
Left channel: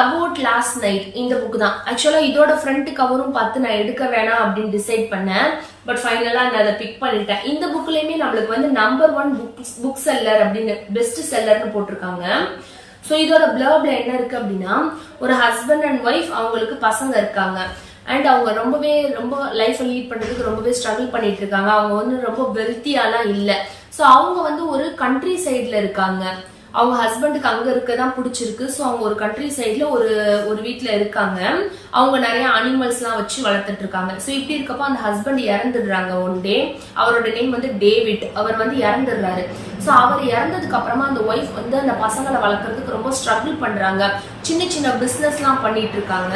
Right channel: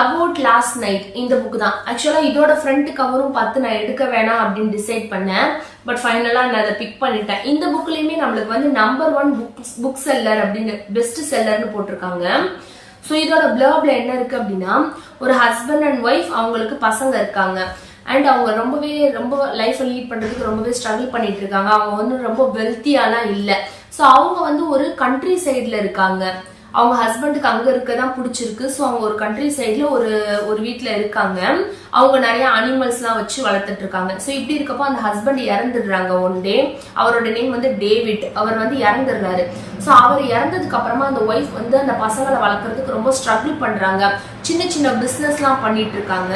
அபவுட் லாஸ்ட் நைட், இந்த புக் தான். ஆக்சுவலா இதோட ஃப்ரண்ட் கவரும் பார்த்து நான் எடுக்க வேணாம் அப்படின்னு டிசைட் பண்ணேன். பட் ஃபைனலா நான் அதை பிக் பண்ணிட்டேன். இந்த புக்லயுமே நம்மளுக்கு வந்து நம்பர் 1 புக் செல்லர் அப்படின்னு பெஸ்ட் செல்லர்னு போட்டிருக்காங்க. ஸோ இதோட பிளர்ப்ல என்ன இருக்கு அப்படின்னா ஒரு ஹஸ்பண்ட் அண்ட் ஒய்ஃப், அவங்களுக்கு பசங்க இருக்காங்க. அண்ட் அவங்க ரொம்ப லைஃப் லீட் பண்றதுக்கு ரொம்பவே ஸ்ட்ரகிள் பண்ணிட்டு இருக்காங்க. அவங்க வந்து ரொம்ப வெல்த்தியாலாம் இல்லை. ஸோ அவங்க வந்து ஒரு கண்ட்ரி சைட்ல இருக்காங்க. அவங்க ஹஸ்பண்டுக்கு அங்க இருக்கதான் பிடிச்சிருக்கு. ஸோ அவங்க ஒரு கண்ட்ரி சைட்ல ஒரு வீட்டுல இருக்காங்க. அவங்க நிறைய அனிமல்ஸ் எல்லாம் வச்சு வளர்த்துட்டு இருக்காங்க. ஸோ இப்படி இருக்கப்போ அந்த ஹஸ்பண்ட் இறந்துடுறாங்க ஒன் டே. அவரோட நேம் வந்து டேவிட். அவர் வந்து இறந்துடுறாரு. ஸோ அவர் இறந்ததுக்கு அப்புறமா அந்த ஒய்ஃப் வந்து அந்த பசங்களை வளர்க்கறதுக்கு ரொம்ப ஸ்ட்ரகிள் பண்றாங்க. சின்ன சின்ன பிசினஸ் எல்லாம் பண்ணிட்டு இருக்காங்க.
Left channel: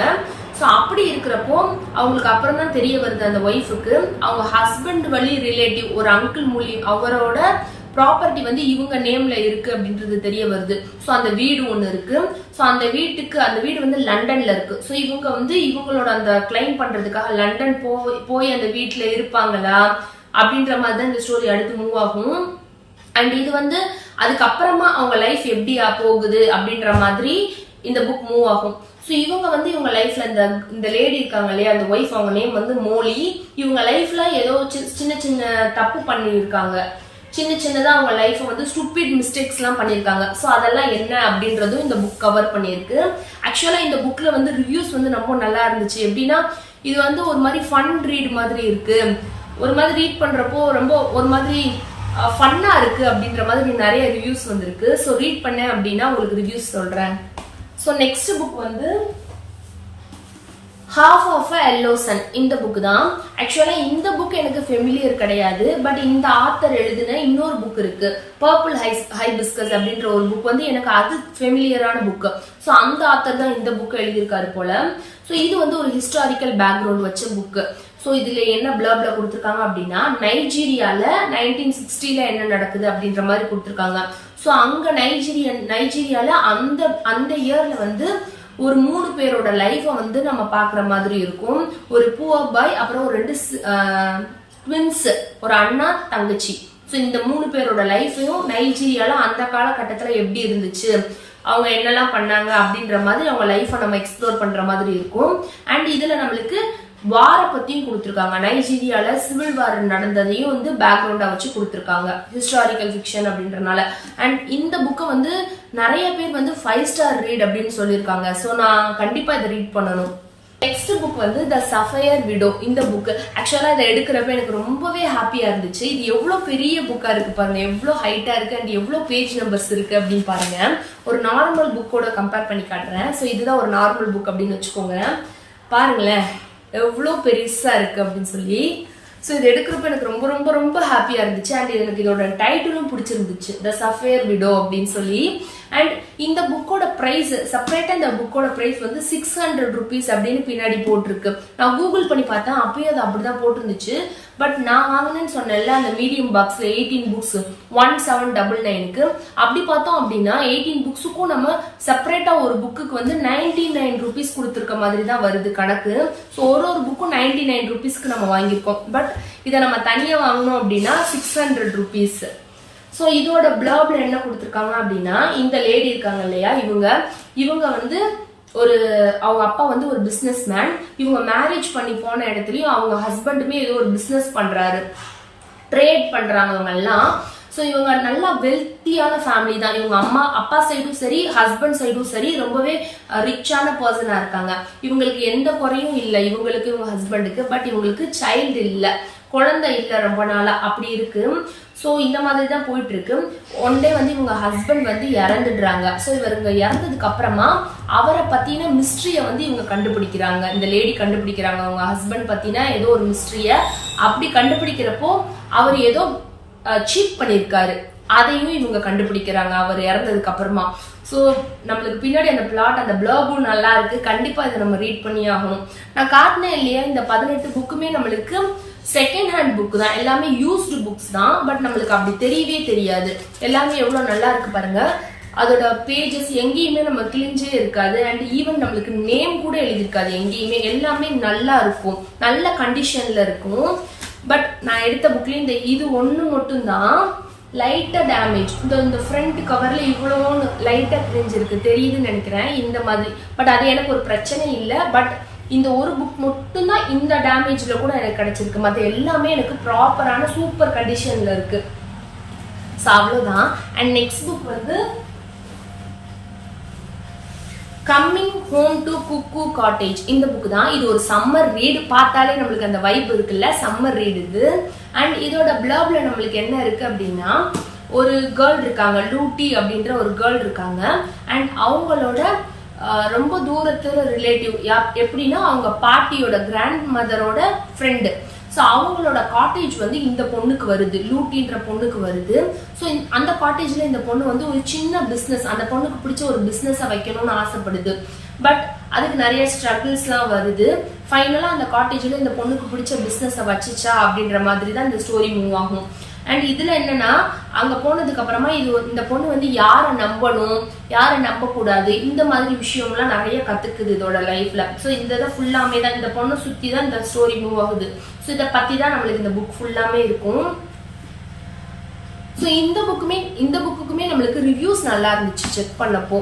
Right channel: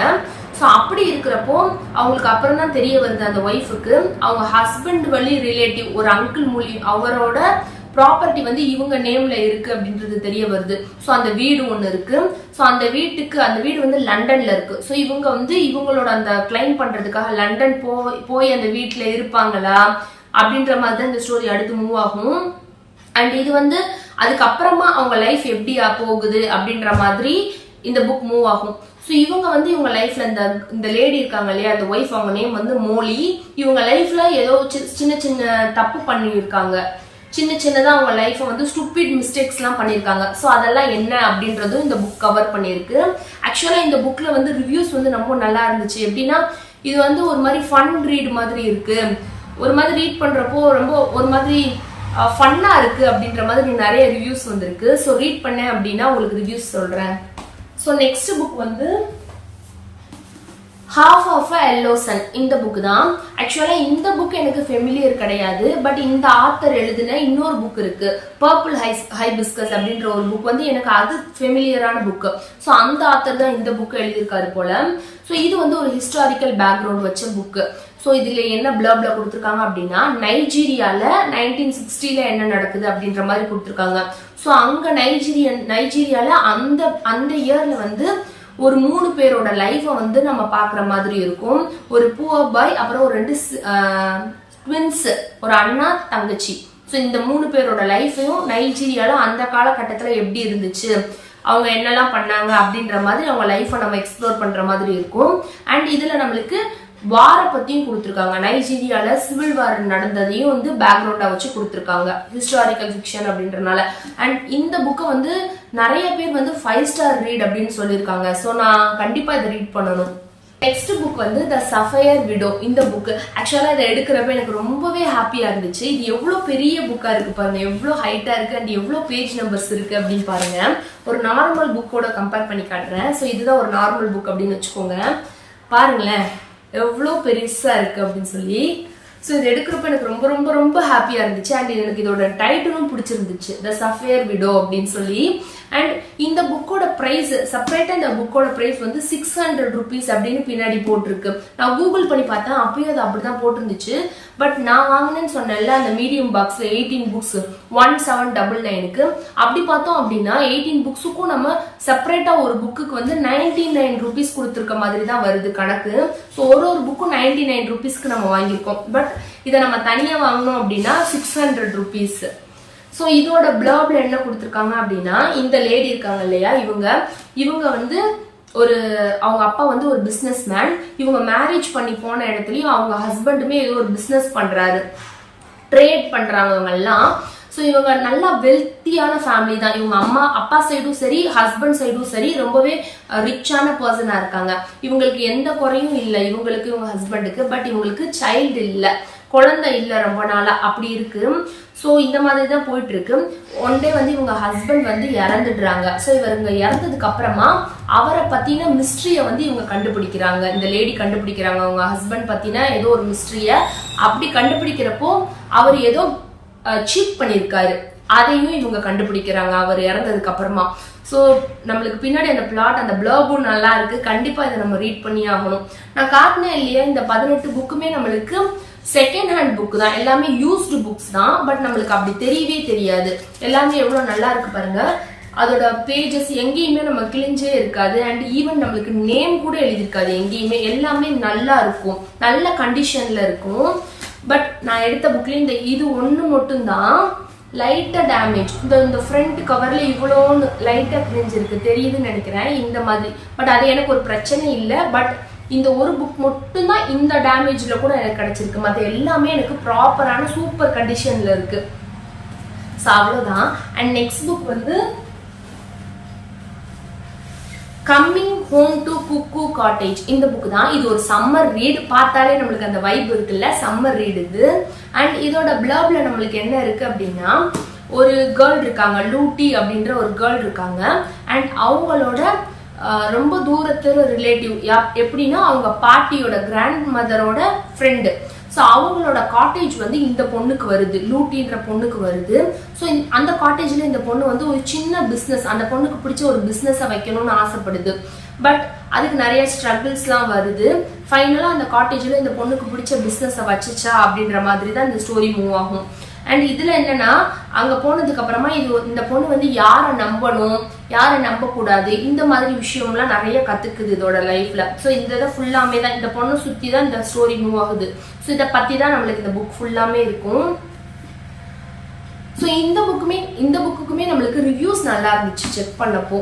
ஸோ அப்படி இருக்கிறப்போ அவங்களுக்கு அப்புறம் தான் தெரிய வருது அந்த ஒய்ஃபுக்கு அவங்க ஹஸ்பண்ட் வழி ரிலேட்டிவ் ஒரு அங்கிள் மூலியம் அவரோட ப்ராப்பர்ட்டி வந்து இவங்க நேம்ல இருக்கு அப்படின்றது தெரிய வருது. ஸோ அந்த வீடு ஒன்று இருக்கு. ஸோ அந்த வீடு வந்து லண்டன்ல இருக்கு. ஸோ இவங்க வந்து இவங்களோட அந்த கிளைம் பண்றதுக்காக லண்டன் போய் அந்த வீட்டுல இருப்பாங்களா அப்படின்ற மாதிரி தான் இந்த ஸ்டோரி அடுத்து மூவ் ஆகும். அண்ட் இது வந்து அதுக்கப்புறமா அவங்க லைஃப் எப்படி போகுது அப்படின்ற மாதிரி இந்த புக் மூவ் ஆகும். ஸோ இவங்க வந்து இவங்க லைஃப்ல இந்த லேடி இருக்காங்க இல்லையா, அந்த ஒய்ஃப், அவங்க நேம் வந்து மோலி. இவங்க லைஃப்ல ஏதோ சின்ன சின்ன தப்பு பண்ணியிருக்காங்க. சின்னதா அவங்க லைஃப்பை வந்து ஸ்டூபிட் மிஸ்டேக்ஸ் எல்லாம் பண்ணிருக்காங்க. ஸோ அதெல்லாம் என்ன அப்படின்றதும் இந்த புக் கவர் பண்ணிருக்கு. ஆக்சுவலா இந்த புக்ல வந்து ரிவ்யூஸ் வந்து ரொம்ப நல்லா இருந்துச்சு. எப்படின்னா இது வந்து ஒரு மாதிரி ஃபன் ரீட் மாதிரி இருக்கு. ஒரு மாதிரி ரீட் பண்றப்போ ரொம்ப ஒரு மாதிரி ஃபன்னா இருக்கு அப்படின்ற மாதிரி நிறைய ரிவ்யூஸ் வந்திருக்கு. ஸோ ரீட் பண்ணேன் அப்படின்னா உங்களுக்கு ரிவ்யூஸ் சொல்றேன். ஸோ நெக்ஸ்ட் புக் வந்து ஹாஃப் ஆஃப் எல்லோ சன், இந்த புக் தான். ஆக்சுவலா இந்த புக் எனக்கு ஃபெமிலியர் கிடையாது. பட் இந்த ஆத்தர் எழுதின இன்னொரு புக் இருக்கு, பர்பிள் ஹைபிஸ்கஸ் அப்படின்ற ஒரு புக் வந்து எனக்கு அது ஃபெமிலியரான புக். ஸோ அந்த ஆத்தர் தான் இந்த புக் எழுதியிருக்காரு போல. ஸோ இது வந்து ஒரு ஹிஸ்டாரிக்கல் பேக்ரவுண்ட் வச்ச புக். ஸோ இதுல என்ன பிளப்ல கொடுத்துருக்காங்க அப்படின்னா நைஜீரியால 1960ல என்ன நடக்குது அப்படின்ற மாதிரி கொடுத்துருக்காங்க. ஸோ அங்க நைஜீரியால அந்த இயர்ல வந்து ஒரு 3 பேரோட லைஃபை வந்து நம்ம பாக்குற மாதிரி இருக்கும். ஒரு புவர் பாய், அப்புறம் ஒரு 2 ட்வின்ஸ், ஒரு அண்ணா தங்கச்சி. ஸோ இந்த 3 பேரோட லைஃபையும் நைஜீரியால அந்த காலகட்டத்துல எப்படி இருந்துச்சு, அவங்க என்னெல்லாம் பண்ணாங்க அப்படின்ற மாதிரி அவங்க லைஃபை நம்ம எக்ஸ்ப்ளோர் பண்ற மாதிரி இருக்கும். அண்ட் இதுல நம்மளுக்கு வார பத்தியும் கொடுத்துருக்காங்க. நைஜீரியால சிவில் வார் நடந்ததையும் வந்து பேக்ரவுண்டா வச்சு கொடுத்துருக்காங்க. ஹிஸ்டாரிக்கல் ஃபிக்ஷன் அப்படின்றனால. அண்ட் இந்த புக்கை வந்து நிறைய பேர் வந்து 5 ஸ்டார் ரீட் அப்படின்னு சொல்லியிருக்காங்க. ஸோ நான் கண்டிப்பா இதை ரீட் பண்ணணும். நெக்ஸ்ட் புக் வந்து த சஃபயர் விடோ. இந்த புக் ஆக்சுவலா இதை எடுக்கிறப்ப எனக்கு ரொம்பவே ஹாப்பியா இருந்துச்சு. இது எவ்வளவு பெரிய புக்கா இருக்கு பாருங்க, எவ்வளவு ஹைட்டா இருக்கு அண்ட் எவ்வளவு பேஜ் நம்பர்ஸ் இருக்கு அப்படின்னு பாருங்க. ஒரு நார்மல் புக்கோட கம்பேர் பண்ணி காட்டுறேன். ஸோ இதுதான் ஒரு நார்மல் புக் அப்படின்னு வச்சுக்கோங்க. பாருங்களேன் எவ்வளோ பெருசா இருக்கு அப்படின்னு சொல்லி. ஸோ இது எடுக்கிறப்ப எனக்கு ரொம்ப ரொம்ப ரொம்ப ஹாப்பியா இருந்துச்சு. அண்ட் எனக்கு இதோட டைட்டிலும் பிடிச்சிருந்துச்சு, த சஃபயர் விடோ அப்படின்னு சொல்லி. அண்ட் இந்த புக்கோட பிரைஸ் செப்பரேட்டா, இந்த புக்கோட பிரைஸ் வந்து 600 rupees அப்படின்னு பின்னாடி போட்டிருக்கு. நான் கூகுள் பண்ணி பார்த்தேன், அப்பயும் அது அப்படிதான் போட்டிருந்துச்சு. பட் நான் வாங்கினேன்னு சொன்னேன்ல அந்த மீடியம் பாக்ஸ்ல 18 புக்ஸ் 1799க்கு. அப்படி பார்த்தோம் அப்படின்னா 18 புக்ஸுக்கும் நம்ம செப்பரேட்டா ஒரு புக்குக்கு வந்து 99 rupees கொடுத்துருக்க மாதிரி தான் வருது கணக்கு. ஸோ ஒரு புக்கும் 99 rupeesக்கு நம்ம வாங்கியிருக்கோம். பட் இதை நம்ம தனியா வாங்கணும் அப்படின்னா 600 rupees. ஸோ இதோட பிளர்ப்ல என்ன கொடுத்துருக்காங்க அப்படின்னா, இந்த லேடி இருக்காங்க இல்லையா, இவங்க வந்து அவங்க அப்பா வந்து ஒரு பிசினஸ் மேன். இவங்க மேரேஜ் பண்ணி போன இடத்துலயும் அவங்க ஹஸ்பண்டுமே ஏதோ ஒரு பிசினஸ் பண்றாரு, ட்ரேட் பண்றாங்க இவங்க எல்லாம். ஸோ இவங்க நல்லா வெல்த்தியான ஃபேமிலி தான். இவங்க அப்பா சைடும் சரி ஹஸ்பண்ட் சைடும் சரி ரொம்பவே ரிச்சான பர்சனா இருக்காங்க. இவங்களுக்கு எந்த குறையும் இல்லை இவங்களுக்கு, இவங்க ஹஸ்பண்டுக்கு. பட் இவங்களுக்கு சைல்டு இல்லை, குழந்தை இல்லை ரொம்ப நாளா அப்படி இருக்கு. ஸோ இந்த மாதிரி தான் போயிட்டு இருக்கு. ஒன் டே வந்து இவங்க ஹஸ்பண்ட் வந்து இறந்துடுறாங்க. ஸோ இவங்க இறந்ததுக்கு அப்புறமா அவரை பத்தின மிஸ்ட்ரிய வந்து இவங்க கண்டுபிடிக்கிறாங்க. இந்த லேடி கண்டுபிடிக்கிறாங்க அவங்க ஹஸ்பண்ட் பத்தின ஏதோ ஒரு மிஸ்ட்ரிய. அப்படி கண்டுபிடிக்கிறப்போ அவர் ஏதோ சீட் பண்ணிருக்காரு, அதையும் இவங்க கண்டுபிடிக்கிறாங்க அவர் இறந்ததுக்கு அப்புறமா. ஸோ நம்மளுக்கு பின்னாடி அந்த பிளாட் அந்த பிளர்பும் நல்லா இருக்கு. கண்டிப்பா இதை நம்ம ரீட் பண்ணி ஆகணும். நான் காட்டினேன் இல்லையா, இந்த 18 புக்குமே நம்மளுக்கு செகண்ட் ஹேண்ட் புக் தான், எல்லாமே யூஸ்டு புக்ஸ் தான். பட் நம்மளுக்கு அப்படி தெரியவே தெரியாது. எல்லாமே எவ்வளவு நல்லா இருக்கு பாருங்க. அதோட பேஜஸ் எங்கேயுமே நம்ம கிழிஞ்சே இருக்காது. அண்ட் ஈவன் நம்மளுக்கு நேம் கூட எழுதியிருக்காது எங்கேயுமே. எல்லாமே நல்லா இருக்கும், நல்ல கண்டிஷன்ல இருக்கும். பட் நான் எடுத்த புக்ல இது ஒண்ணு மட்டும் தான் லைட்டா டேமேஜ். இந்த ஃப்ரண்ட் கவர்ல இவ்வளோ லைட்டா கிழிஞ்சிருக்கு, தெரியுதுன்னு நினைக்கிறேன் இந்த மாதிரி. பட் அது எனக்கு ஒரு பிரச்சனை இல்லை. பட் இந்த ஒரு புக் மட்டும்தான் இந்த டேமேஜ்ல கூட எனக்கு கிடைச்சிருக்கு. மற்ற எல்லாமே எனக்கு ப்ராப்பரான சூப்பர் கண்டிஷன்ல இருக்கு. ஸோ அவ்வளோதான். அண்ட் நெக்ஸ்ட் புக் வந்து coming home to cuckoo cottage. இந்த புக் தான். இது ஒரு சம்மர் ரீட். பார்த்தாலே நம்மளுக்கு அந்த வைப் இருக்குல்ல, சம்மர் ரீட் இது. அண்ட் இதோட பிளர்ப்ல நம்மளுக்கு என்ன இருக்கு அப்படின்னா, ஒரு கேர்ள் இருக்காங்க, லூட்டி அப்படின்ற ஒரு கேர்ள் இருக்காங்க. அண்ட் அவங்களோட ரொம்ப தூரத்துல ரிலேட்டிவ், எப்படின்னா அவங்க பாட்டியோட கிராண்ட் மதரோட ஃப்ரெண்டு. ஸோ அவங்களோட காட்டேஜ் வந்து இந்த பொண்ணுக்கு வருது, லூட்டின்ற பொண்ணுக்கு வருது. ஸோ அந்த காட்டேஜ்ல இந்த பொண்ணு வந்து ஒரு சின்ன பிஸ்னஸ், அந்த பொண்ணுக்கு பிடிச்ச ஒரு பிஸ்னஸை வைக்கணும்னு ஆசைப்படுது. பட் அதுக்கு நிறைய ஸ்ட்ரகிள்ஸ்லாம் வருது. ஃபைனலா அந்த காட்டேஜ்ல இந்த பொண்ணுக்கு பிடிச்ச பிஸ்னஸை வச்சுச்சா அப்படின்ற மாதிரி தான் இந்த ஸ்டோரி மூவ் ஆகும். அண்ட் இதுல என்னன்னா, அங்க போனதுக்கு அப்புறமா இந்த பொண்ணு வந்து யாரை நம்பணும் யாரை நம்ப கூடாது இந்த மாதிரி விஷயம்லாம் நிறைய கத்துக்குது இதோட லைஃப்ல. ஸோ இந்த இதை ஃபுல்லாமே தான் இந்த பொண்ணை சுத்தி தான் இந்த ஸ்டோரி மூவ் ஆகுது. ஸோ இதை பத்தி தான் நம்மளுக்கு இந்த புக் ஃபுல்லாமே இருக்கும். ஸோ இந்த புக்குக்குமே நம்மளுக்கு ரிவ்யூஸ் நல்லா இருந்துச்சு செக் பண்ணப்போ.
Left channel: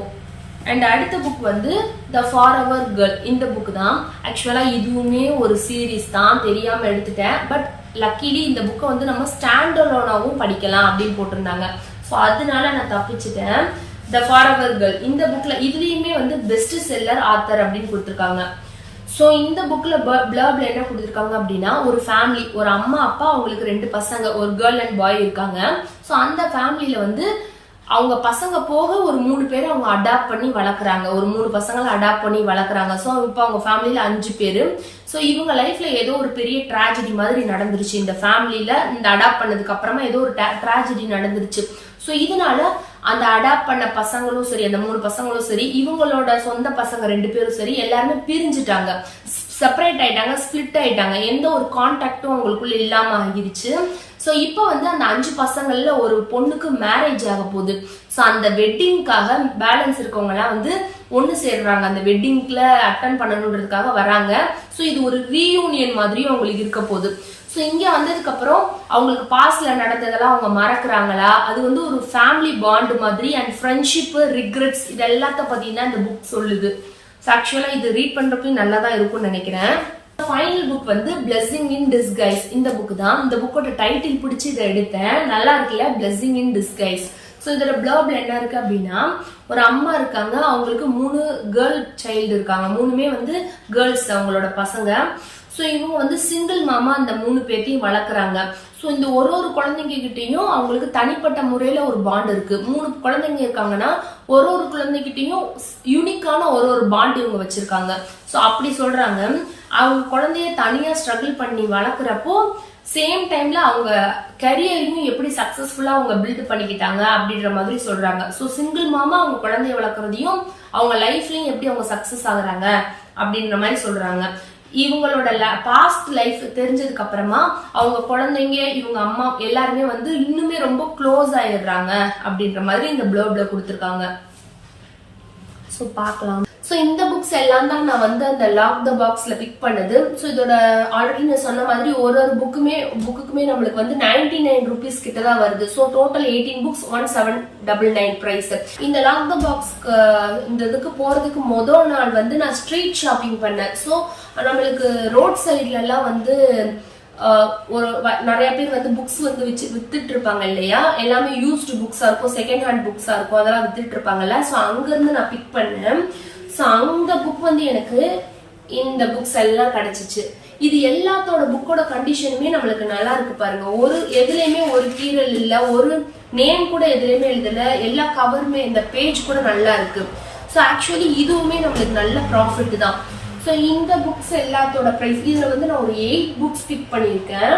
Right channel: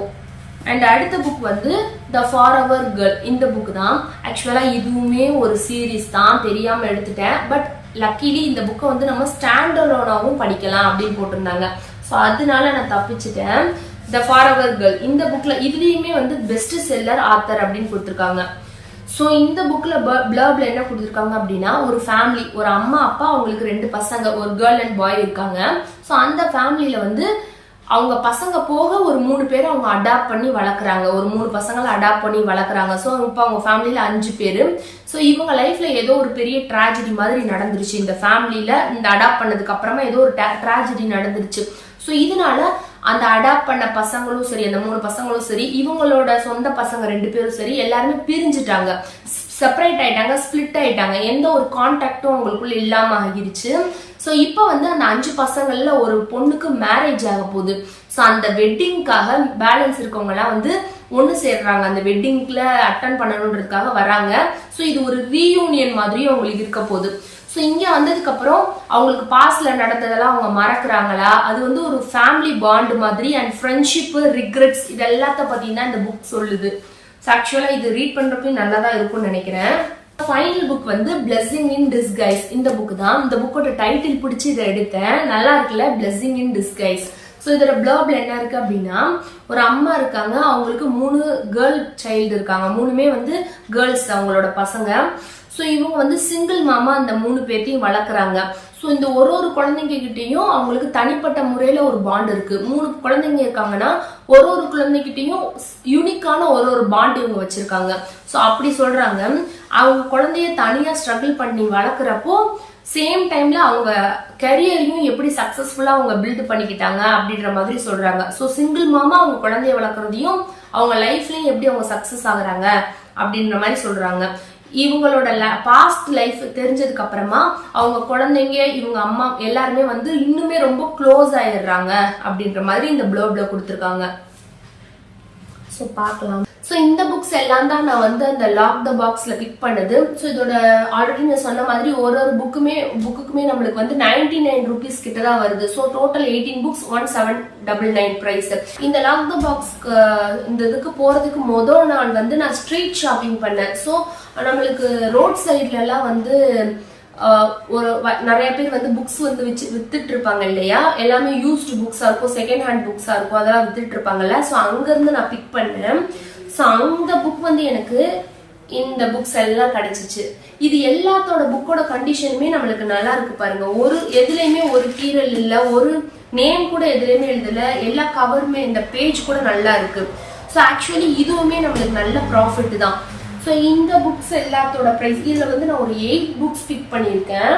அண்ட் அடுத்த புக் வந்து த ஃபாரெவர் கேர்ள். இந்த புக் தான். ஆக்சுவலா இதுவுமே ஒரு சீரீஸ் தான், தெரியாம எடுத்துட்டேன். பட் லக்கிலி இந்த புக்கை வந்து நம்ம ஸ்டாண்ட் அலோனாவும் படிக்கலாம் அப்படின்னு போட்டிருந்தாங்க. ஸோ அதனால நான் தப்பிச்சிட்டேன். த ஃபாரெவர் கேர்ள் இந்த புக்ல இதுலயுமே வந்து பெஸ்ட் செல்லர் ஆத்தர் அப்படின்னு கொடுத்துருக்காங்க. ஸோ இந்த புக்ல பிளர்ப்ல என்ன கொடுத்துருக்காங்க அப்படின்னா, ஒரு ஃபேமிலி, ஒரு அம்மா அப்பா, அவங்களுக்கு 2 பசங்க, ஒரு கேர்ள் அண்ட் பாய் இருக்காங்க. ஸோ அந்த ஃபேமிலியில வந்து அவங்க பசங்க போக ஒரு 3 பேரை அவங்க அடாப்ட் பண்ணி வளர்க்குறாங்க. ஒரு 3 பசங்களை அடாப்ட் பண்ணி வளர்க்குறாங்க. ஸோ இப்போ அவங்க ஃபேமிலியில 5 பேர். ஸோ இவங்க லைஃப்ல ஏதோ ஒரு பெரிய ட்ராஜடி மாதிரி நடந்துருச்சு. இந்த ஃபேமிலியில இந்த அடாப்ட் பண்ணதுக்கு அப்புறமா ஏதோ ஒரு ட்ராஜடி நடந்துருச்சு. ஸோ இதனால அந்த அடாப்ட் பண்ண பசங்களும் சரி, அந்த 3 பசங்களும் சரி, இவங்களோட சொந்த பசங்க 2 பேரும் சரி, எல்லாருமே பிரிஞ்சுட்டாங்க, செப்பரேட் ஆயிட்டாங்க, ஸ்பிளிட் ஆயிட்டாங்க. எந்த ஒரு கான்டாக்டும் அவங்களுக்குள்ள இல்லாம ஆகிருச்சு. ஸோ இப்போ வந்து அந்த 5 பசங்கள்ல ஒரு பொண்ணுக்கு மேரேஜ் ஆக போகுது. ஸோ அந்த வெட்டிங்காக பேலன்ஸ் இருக்கவங்க எல்லாம் வந்து ஒன்னு சேர்றாங்க, அந்த வெட்டிங்ல அட்டன் பண்ணணுன்றதுக்காக வராங்க. ஸோ இது ஒரு ரீயூனியன் மாதிரியும் அவங்களுக்கு இருக்க போகுது. ஸோ இங்க வந்ததுக்கு அப்புறம் அவங்களுக்கு பாஸ்ட்ல நடந்ததெல்லாம் அவங்க மறக்கிறாங்களா, அது வந்து ஒரு ஃபேமிலி பாண்ட் மாதிரி. அண்ட் ஃப்ரெண்ட்ஷிப், ரிக்ரெட்ஸ், இது எல்லாத்த பத்தி தான் இந்த புக் சொல்லுது. ஸோ ஆக்சுவலா இது ரீட் பண்றப்ப நல்லா தான் இருக்கும்னு நினைக்கிறேன். ஃபைனல் புக் வந்து பிளெஸிங் இன் டிஸ்கைஸ். இந்த புக் தான். இந்த புக்கோட டைட்டில் பிடிச்சி இதை எடுத்தேன். நல்லா இருக்குல்ல, பிளெஸிங் இன் டிஸ்கைஸ். ஸோ இதோட பிளர்ப்ல என்ன இருக்கு அப்படின்னா, ஒரு அம்மா இருக்காங்க, அவங்களுக்கு 3 கேர்ள் சைல்டு இருக்காங்க, 3மே வந்து கேர்ள்ஸ் அவங்களோட பசங்க. ஸோ இவங்க வந்து சிங்கிள் மாமா அந்த 3 பேர்த்தையும் வளர்க்குறாங்க. ஸோ இந்த ஒரு குழந்தைங்க கிட்டையும் அவங்களுக்கு தனிப்பட்ட முறையில ஒரு பாண்ட் இருக்கு. 3 குழந்தைங்க இருக்காங்கன்னா ஒரு குழந்தைகிட்டையும் யூனிக்கான ஒரு பாண்ட் இவங்க வச்சிருக்காங்க. ஸோ அப்படி சொல்றாங்க. அவங்க குழந்தைய தனியா ஸ்ட்ரகிள் பண்ணி வளர்க்குறப்போ சேம் டைம்ல அவங்க கரியரையும் எப்படி சக்சஸ்ஃபுல்லா அவங்க பில்ட் பண்ணிக்கிட்டாங்க அப்படின்ற மாதிரி சொல்றாங்க. ஸோ சிங்கிள் மாமா அவங்க குழந்தைய வளர்க்குறதையும் அவங்க லைஃப்லயும் எப்படி அவங்க சக்சஸ் ஆகுறாங்க அப்படின்ற மாதிரி சொல்றாங்க. இவங்களோட பாஸ்ட் லைஃப் தெரிஞ்சதுக்கு அப்புறமா அவங்க குழந்தைங்க, இவங்க அம்மா எல்லாருமே வந்து இன்னுமே ரொம்ப க்ளோஸ் ஆயிடுறாங்க அப்படின்ற மாதிரி இந்த ப்ளர்ப்ல கொடுத்துருக்காங்க. ஸோ பார்க்கலாம். ஸோ இந்த புக்ஸ் எல்லாம் தான் நான் வந்து அந்த லாக் த பாக்ஸ்ல பிக் பண்ணது. ஸோ இதோட ஆல்ரெடி நான் சொன்ன மாதிரி ஒரு புக்குக்குமே நம்மளுக்கு வந்து 99 rupees கிட்ட தான் வருது. So total 18 books 1799 price. இந்த லாக் த பாக்ஸ் இந்த இதுக்கு போறதுக்கு முதல் நாள் வந்து நான் ஸ்ட்ரீட் ஷாப்பிங் பண்ணேன். ஸோ நம்மளுக்கு ரோட் சைட்ல எல்லாம் வந்து ஒரு நிறைய பேர் வந்து புக்ஸ் வந்து வித்துட்டு இருப்பாங்க இல்லையா, எல்லாமே யூஸ்டு புக்ஸா இருக்கும், செகண்ட் ஹேண்ட் புக்ஸா இருக்கும், அதெல்லாம் வித்துட்டு இருப்பாங்கல்ல. ஸோ அங்க இருந்து நான் பிக் பண்ணேன். ஸோ அந்த புக் வந்து எனக்கு இந்த புக்ஸ் எல்லாம் கிடைச்சிச்சு. இது எல்லாத்தோட புக்கோட கண்டிஷனுமே நம்மளுக்கு நல்லா இருக்கு பாருங்க. எதுலயுமே ஒரு கீரல் இல்ல, ஒரு நேம் கூட எதுலயுமே எழுதல, எல்லா கவருமே இந்த பேஜ் கூட நல்லா இருக்கு. ஸோ ஆக்சுவலி இதுவுமே நம்மளுக்கு நல்ல ப்ராஃபிட் தான். ஸோ இந்த புக்ஸ் எல்லாத்தோட பிரைஸ், இதுல வந்து நான் ஒரு 8 books பிக் பண்ணியிருக்கேன்.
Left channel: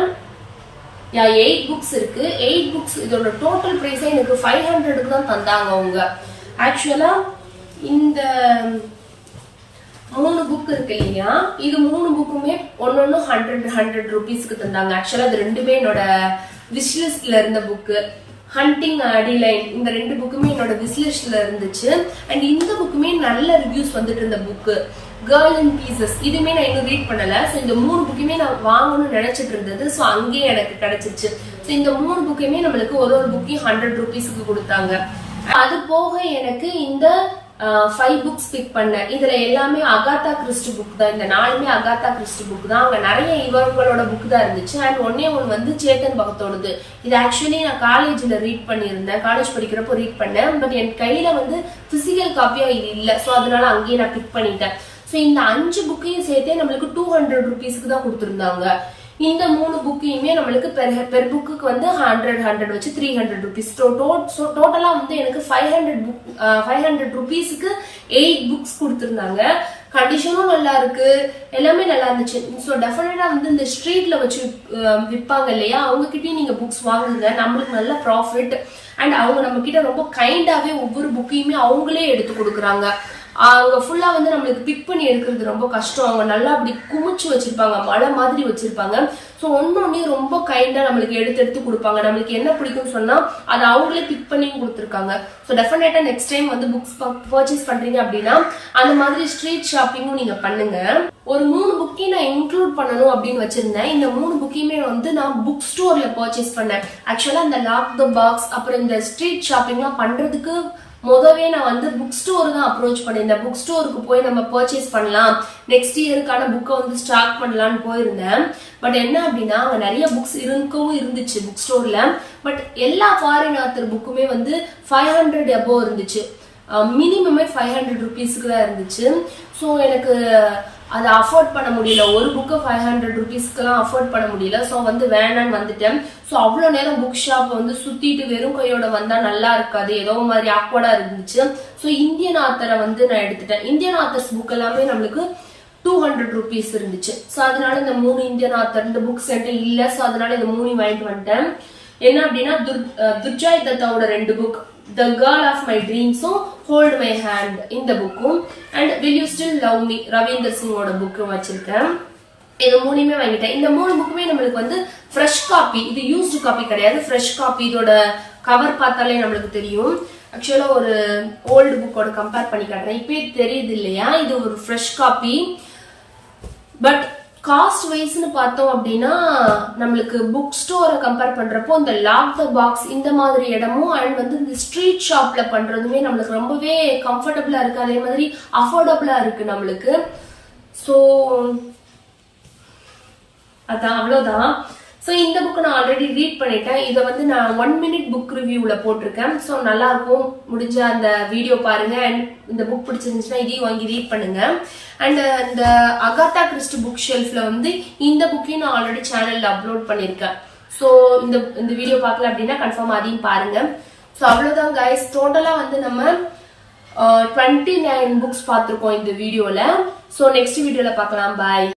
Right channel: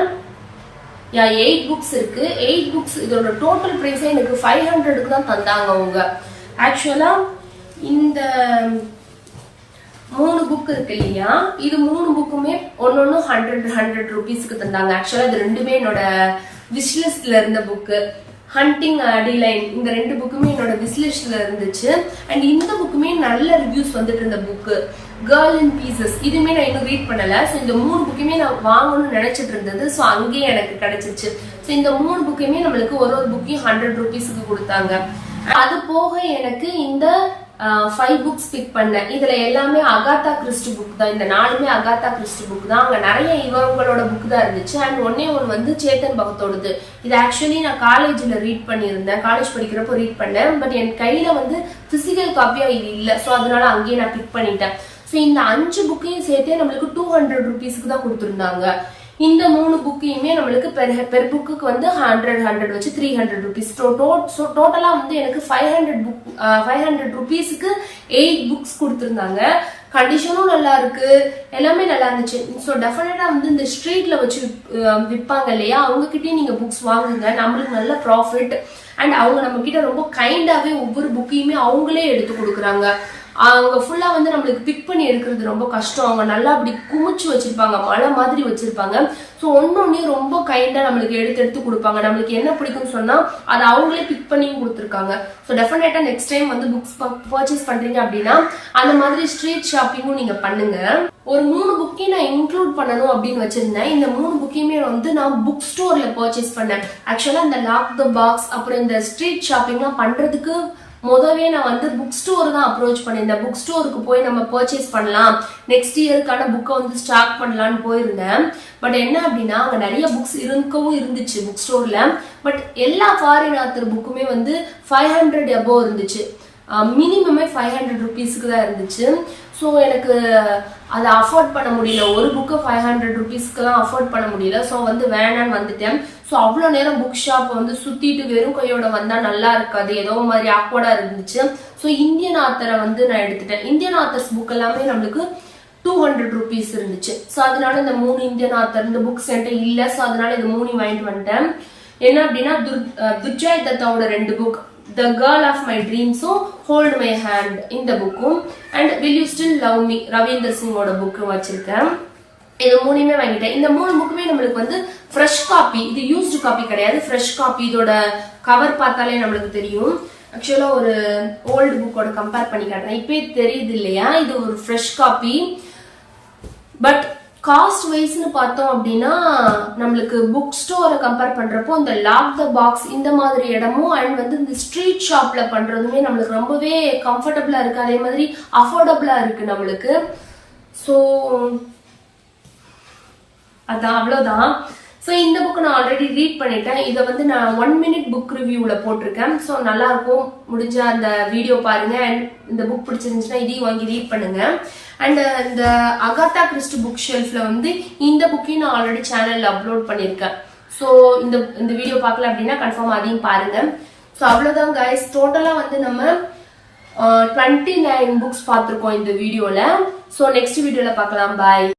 8 books இருக்கு. 8 books இதோட டோட்டல் பிரைஸே எனக்கு 500க்கு தான் தந்தாங்க அவங்க. ஆக்சுவலா இந்த 3 புக் இருக்கு இல்லையா, இது 3 புக்குமே ஒன்னொன்னு 100 rupeesக்கு தந்தாங்க. ஆக்சுவலா இது ரெண்டுமே என்னோட விஷ்லிஸ்ட்ல இருந்த புக்கு. ஹண்டிங் அடிலைன் இந்த 2 புக்குமே என்னோட விஷ்லிஸ்ட்ல இருந்துச்சு. அண்ட் இந்த புக்குமே நல்ல ரிவ்யூஸ் வந்துட்டு இருந்த புக்கு. கேர்ள் இன் பீசஸ் இதுமே நான் இன்னும் ரீட் பண்ணல. ஸோ இந்த 3 புக்குமே நான் வாங்கணும்னு நினைச்சிட்டு இருந்தது. ஸோ அங்கேயே எனக்கு கிடைச்சிருச்சு. ஸோ இந்த 3 புக்குமே நம்மளுக்கு ஒரு புக்கையும் 100 rupeesக்கு கொடுத்தாங்க. அது போக எனக்கு இந்த 5 books பிக் பண்ணேன். இதுல எல்லாமே அகாத்தா கிறிஸ்டி புக் தான். இந்த 4மே அகாத்தா கிறிஸ்டி புக் தான். அங்க நிறைய இவங்களோட புக் தான் இருந்துச்சு. அண்ட் ஒன்னே வந்து சேத்தன் பகத்தோடது. இது ஆக்சுவலி நான் காலேஜ்ல ரீட் பண்ணியிருந்தேன், காலேஜ் படிக்கிறப்போ ரீட் பண்ணேன். பட் என் கையில வந்து பிசிக்கல் காப்பியா இது இல்ல. ஸோ அதனால அங்கேயே நான் பிக் பண்ணிட்டேன். ஸோ இந்த 5 புக்கையும் சேர்த்தே நம்மளுக்கு 200 rupeesக்கு தான் கொடுத்துருந்தாங்க. இந்த 3 புக்கையுமே நம்மளுக்கு பெர் புக்கு வந்து 100 வச்சு 300 rupees. டோட்டலா வந்து எனக்கு 500 rupeesக்கு 8 books கொடுத்துருந்தாங்க. கண்டிஷனும் நல்லா இருக்கு, எல்லாமே நல்லா இருந்துச்சு. ஸோ டெஃபினட்டா வந்து இந்த ஸ்ட்ரீட்ல வச்சு விற்பாங்க இல்லையா, அவங்க கிட்டயும் நீங்க புக்ஸ் வாங்குங்க, நம்மளுக்கு நல்ல ப்ராஃபிட். அண்ட் அவங்க நம்ம கிட்ட ரொம்ப கைண்டாவே ஒவ்வொரு புக்கையுமே அவங்களே எடுத்து கொடுக்குறாங்க. அங்க ஃபுல்லா வந்து நம்மளுக்கு பிக் பண்ணி எடுக்கிறது ரொம்ப கஷ்டம். அவங்க நல்லா அப்படி குமிச்சு வச்சிருப்பாங்க, மலை மாதிரி வச்சிருப்பாங்க. ஸோ ஒன்னொன்னே ரொம்ப கைண்டா நம்மளுக்கு எடுத்து கொடுப்பாங்க. நம்மளுக்கு என்ன பிடிக்கும்னு சொன்னா அதை அவங்களே பிக் பண்ணியும் கொடுத்துருக்காங்க. ஸோ டெஃபினட்டா நெக்ஸ்ட் டைம் வந்து புக்ஸ் பர்ச்சேஸ் பண்றீங்க அப்படின்னா அந்த மாதிரி ஸ்ட்ரீட் ஷாப்பிங்கும் நீங்க பண்ணுங்க. ஒரு 3 புக்கையும் நான் இன்க்ளூட் பண்ணணும் அப்படின்னு வச்சிருந்தேன். இந்த 3 புக்கையுமே வந்து நான் புக் ஸ்டோர்ல பர்ச்சேஸ் பண்ணேன். ஆக்சுவலா இந்த லாக் த பாக்ஸ் அப்புறம் இந்த ஸ்ட்ரீட் ஷாப்பிங்லாம் பண்றதுக்கு முதவே நான் வந்து புக் ஸ்டோர் தான் அப்ரோச் பண்ணியிருந்தேன். புக் ஸ்டோருக்கு போய் நம்ம பர்ச்சேஸ் பண்ணலாம், நெக்ஸ்ட் இயருக்கான புக்கை வந்து ஸ்டாக் பண்ணலான்னு போயிருந்தேன். பட் என்ன அப்படின்னா அங்க நிறைய புக்ஸ் இருந்துச்சு புக் ஸ்டோர்ல. பட் எல்லா ஃபாரின் ஆத்தர் புக்குமே வந்து 500 above இருந்துச்சு. மினிமமே 500 rupeesக்கு தான் இருந்துச்சு. ஸோ எனக்கு அதை அஃபோர்ட் பண்ண முடியல. ஒரு புக்கு 500 rupeesக்குலாம் அஃபோர்ட் பண்ண முடியல. ஸோ வந்து வேணான்னு வந்துட்டேன். ஸோ அவ்வளோ நேரம் புக் ஷாப் வந்து சுத்திட்டு வெறும் கையோட வந்தா நல்லா இருக்காது, ஏதோ மாதிரி ஆக்வர்டா இருந்துச்சு. ஸோ இந்தியன் ஆத்தரை வந்து நான் எடுத்துட்டேன். இந்தியன் ஆத்தர்ஸ் புக் எல்லாமே நம்மளுக்கு 200 rupees இருந்துச்சு. ஸோ அதனால இந்த 3 இந்தியன் ஆத்தர் இந்த புக்ஸ் என்கிட்ட இல்ல. ஸோ அதனால இந்த 3 வாங்கிட்டு வந்துட்டேன். என்ன அப்படின்னா Durjoy தத்தாவோட 2 book, The Girl of My Dreams, Hold My Hand இந்த புக்கும், and Will You Still Love Me Ravinder சிங்கோட புக்கும் வச்சிருக்கேன். இது 3மே வாங்கிட்டேன். இந்த 3 புக்குமே நம்மளுக்கு வந்து ஃப்ரெஷ் காப்பி, இது யூஸ்டு காப்பி கிடையாது, ஃப்ரெஷ் காப்பி. இதோட கவர் பார்த்தாலே நம்மளுக்கு தெரியும். ஆக்சுவலா ஒரு ஓல்டு புக்கோட கம்பேர் பண்ணி காட்டுறேன், இப்பயே தெரியுது இல்லையா, இது ஒரு ஃப்ரெஷ் காப்பி. பட் காஸ்ட் வைஸ்னு பார்த்தோம் அப்படின்னா நம்மளுக்கு புக் ஸ்டோரை கம்பேர் பண்றப்போ இந்த லாக் த பாக்ஸ் இந்த மாதிரி இடமும் அண்ட் வந்து இந்த ஸ்ட்ரீட் ஷாப்ல பண்றதுமே நம்மளுக்கு ரொம்பவே கம்ஃபர்டபுளா இருக்கு, அதே மாதிரி அஃபோர்டபுளா இருக்கு நம்மளுக்கு. ஸோ அதான் அவ்வளோதான். ஸோ இந்த புக் நான் ஆல்ரெடி ரீட் பண்ணிட்டேன். இதை வந்து நான் 1 minute புக் ரிவ்யூல போட்டிருக்கேன். ஸோ நல்லா இருக்கும், முடிஞ்ச அந்த வீடியோ பாருங்க. அண்ட் இந்த புக் பிடிச்சிருந்துச்சுன்னா இதையும் வாங்கி ரீட் பண்ணுங்க. அண்ட் இந்த அகாத்தா கிறிஸ்டி புக் ஷெல்ஃப்ல வந்து இந்த புக்கையும் நான் ஆல்ரெடி சேனல்ல அப்லோட் பண்ணிருக்கேன். ஸோ இந்த வீடியோ பார்க்கல அப்படின்னா கன்ஃபார்ம் அதையும் பாருங்க. ஸோ அவ்வளவுதான் கைஸ், டோட்டலா வந்து நம்ம 29 புக்ஸ் பார்த்திருக்கோம் இந்த வீடியோல. ஸோ நெக்ஸ்ட் வீடியோல பார்க்கலாம். பாய்.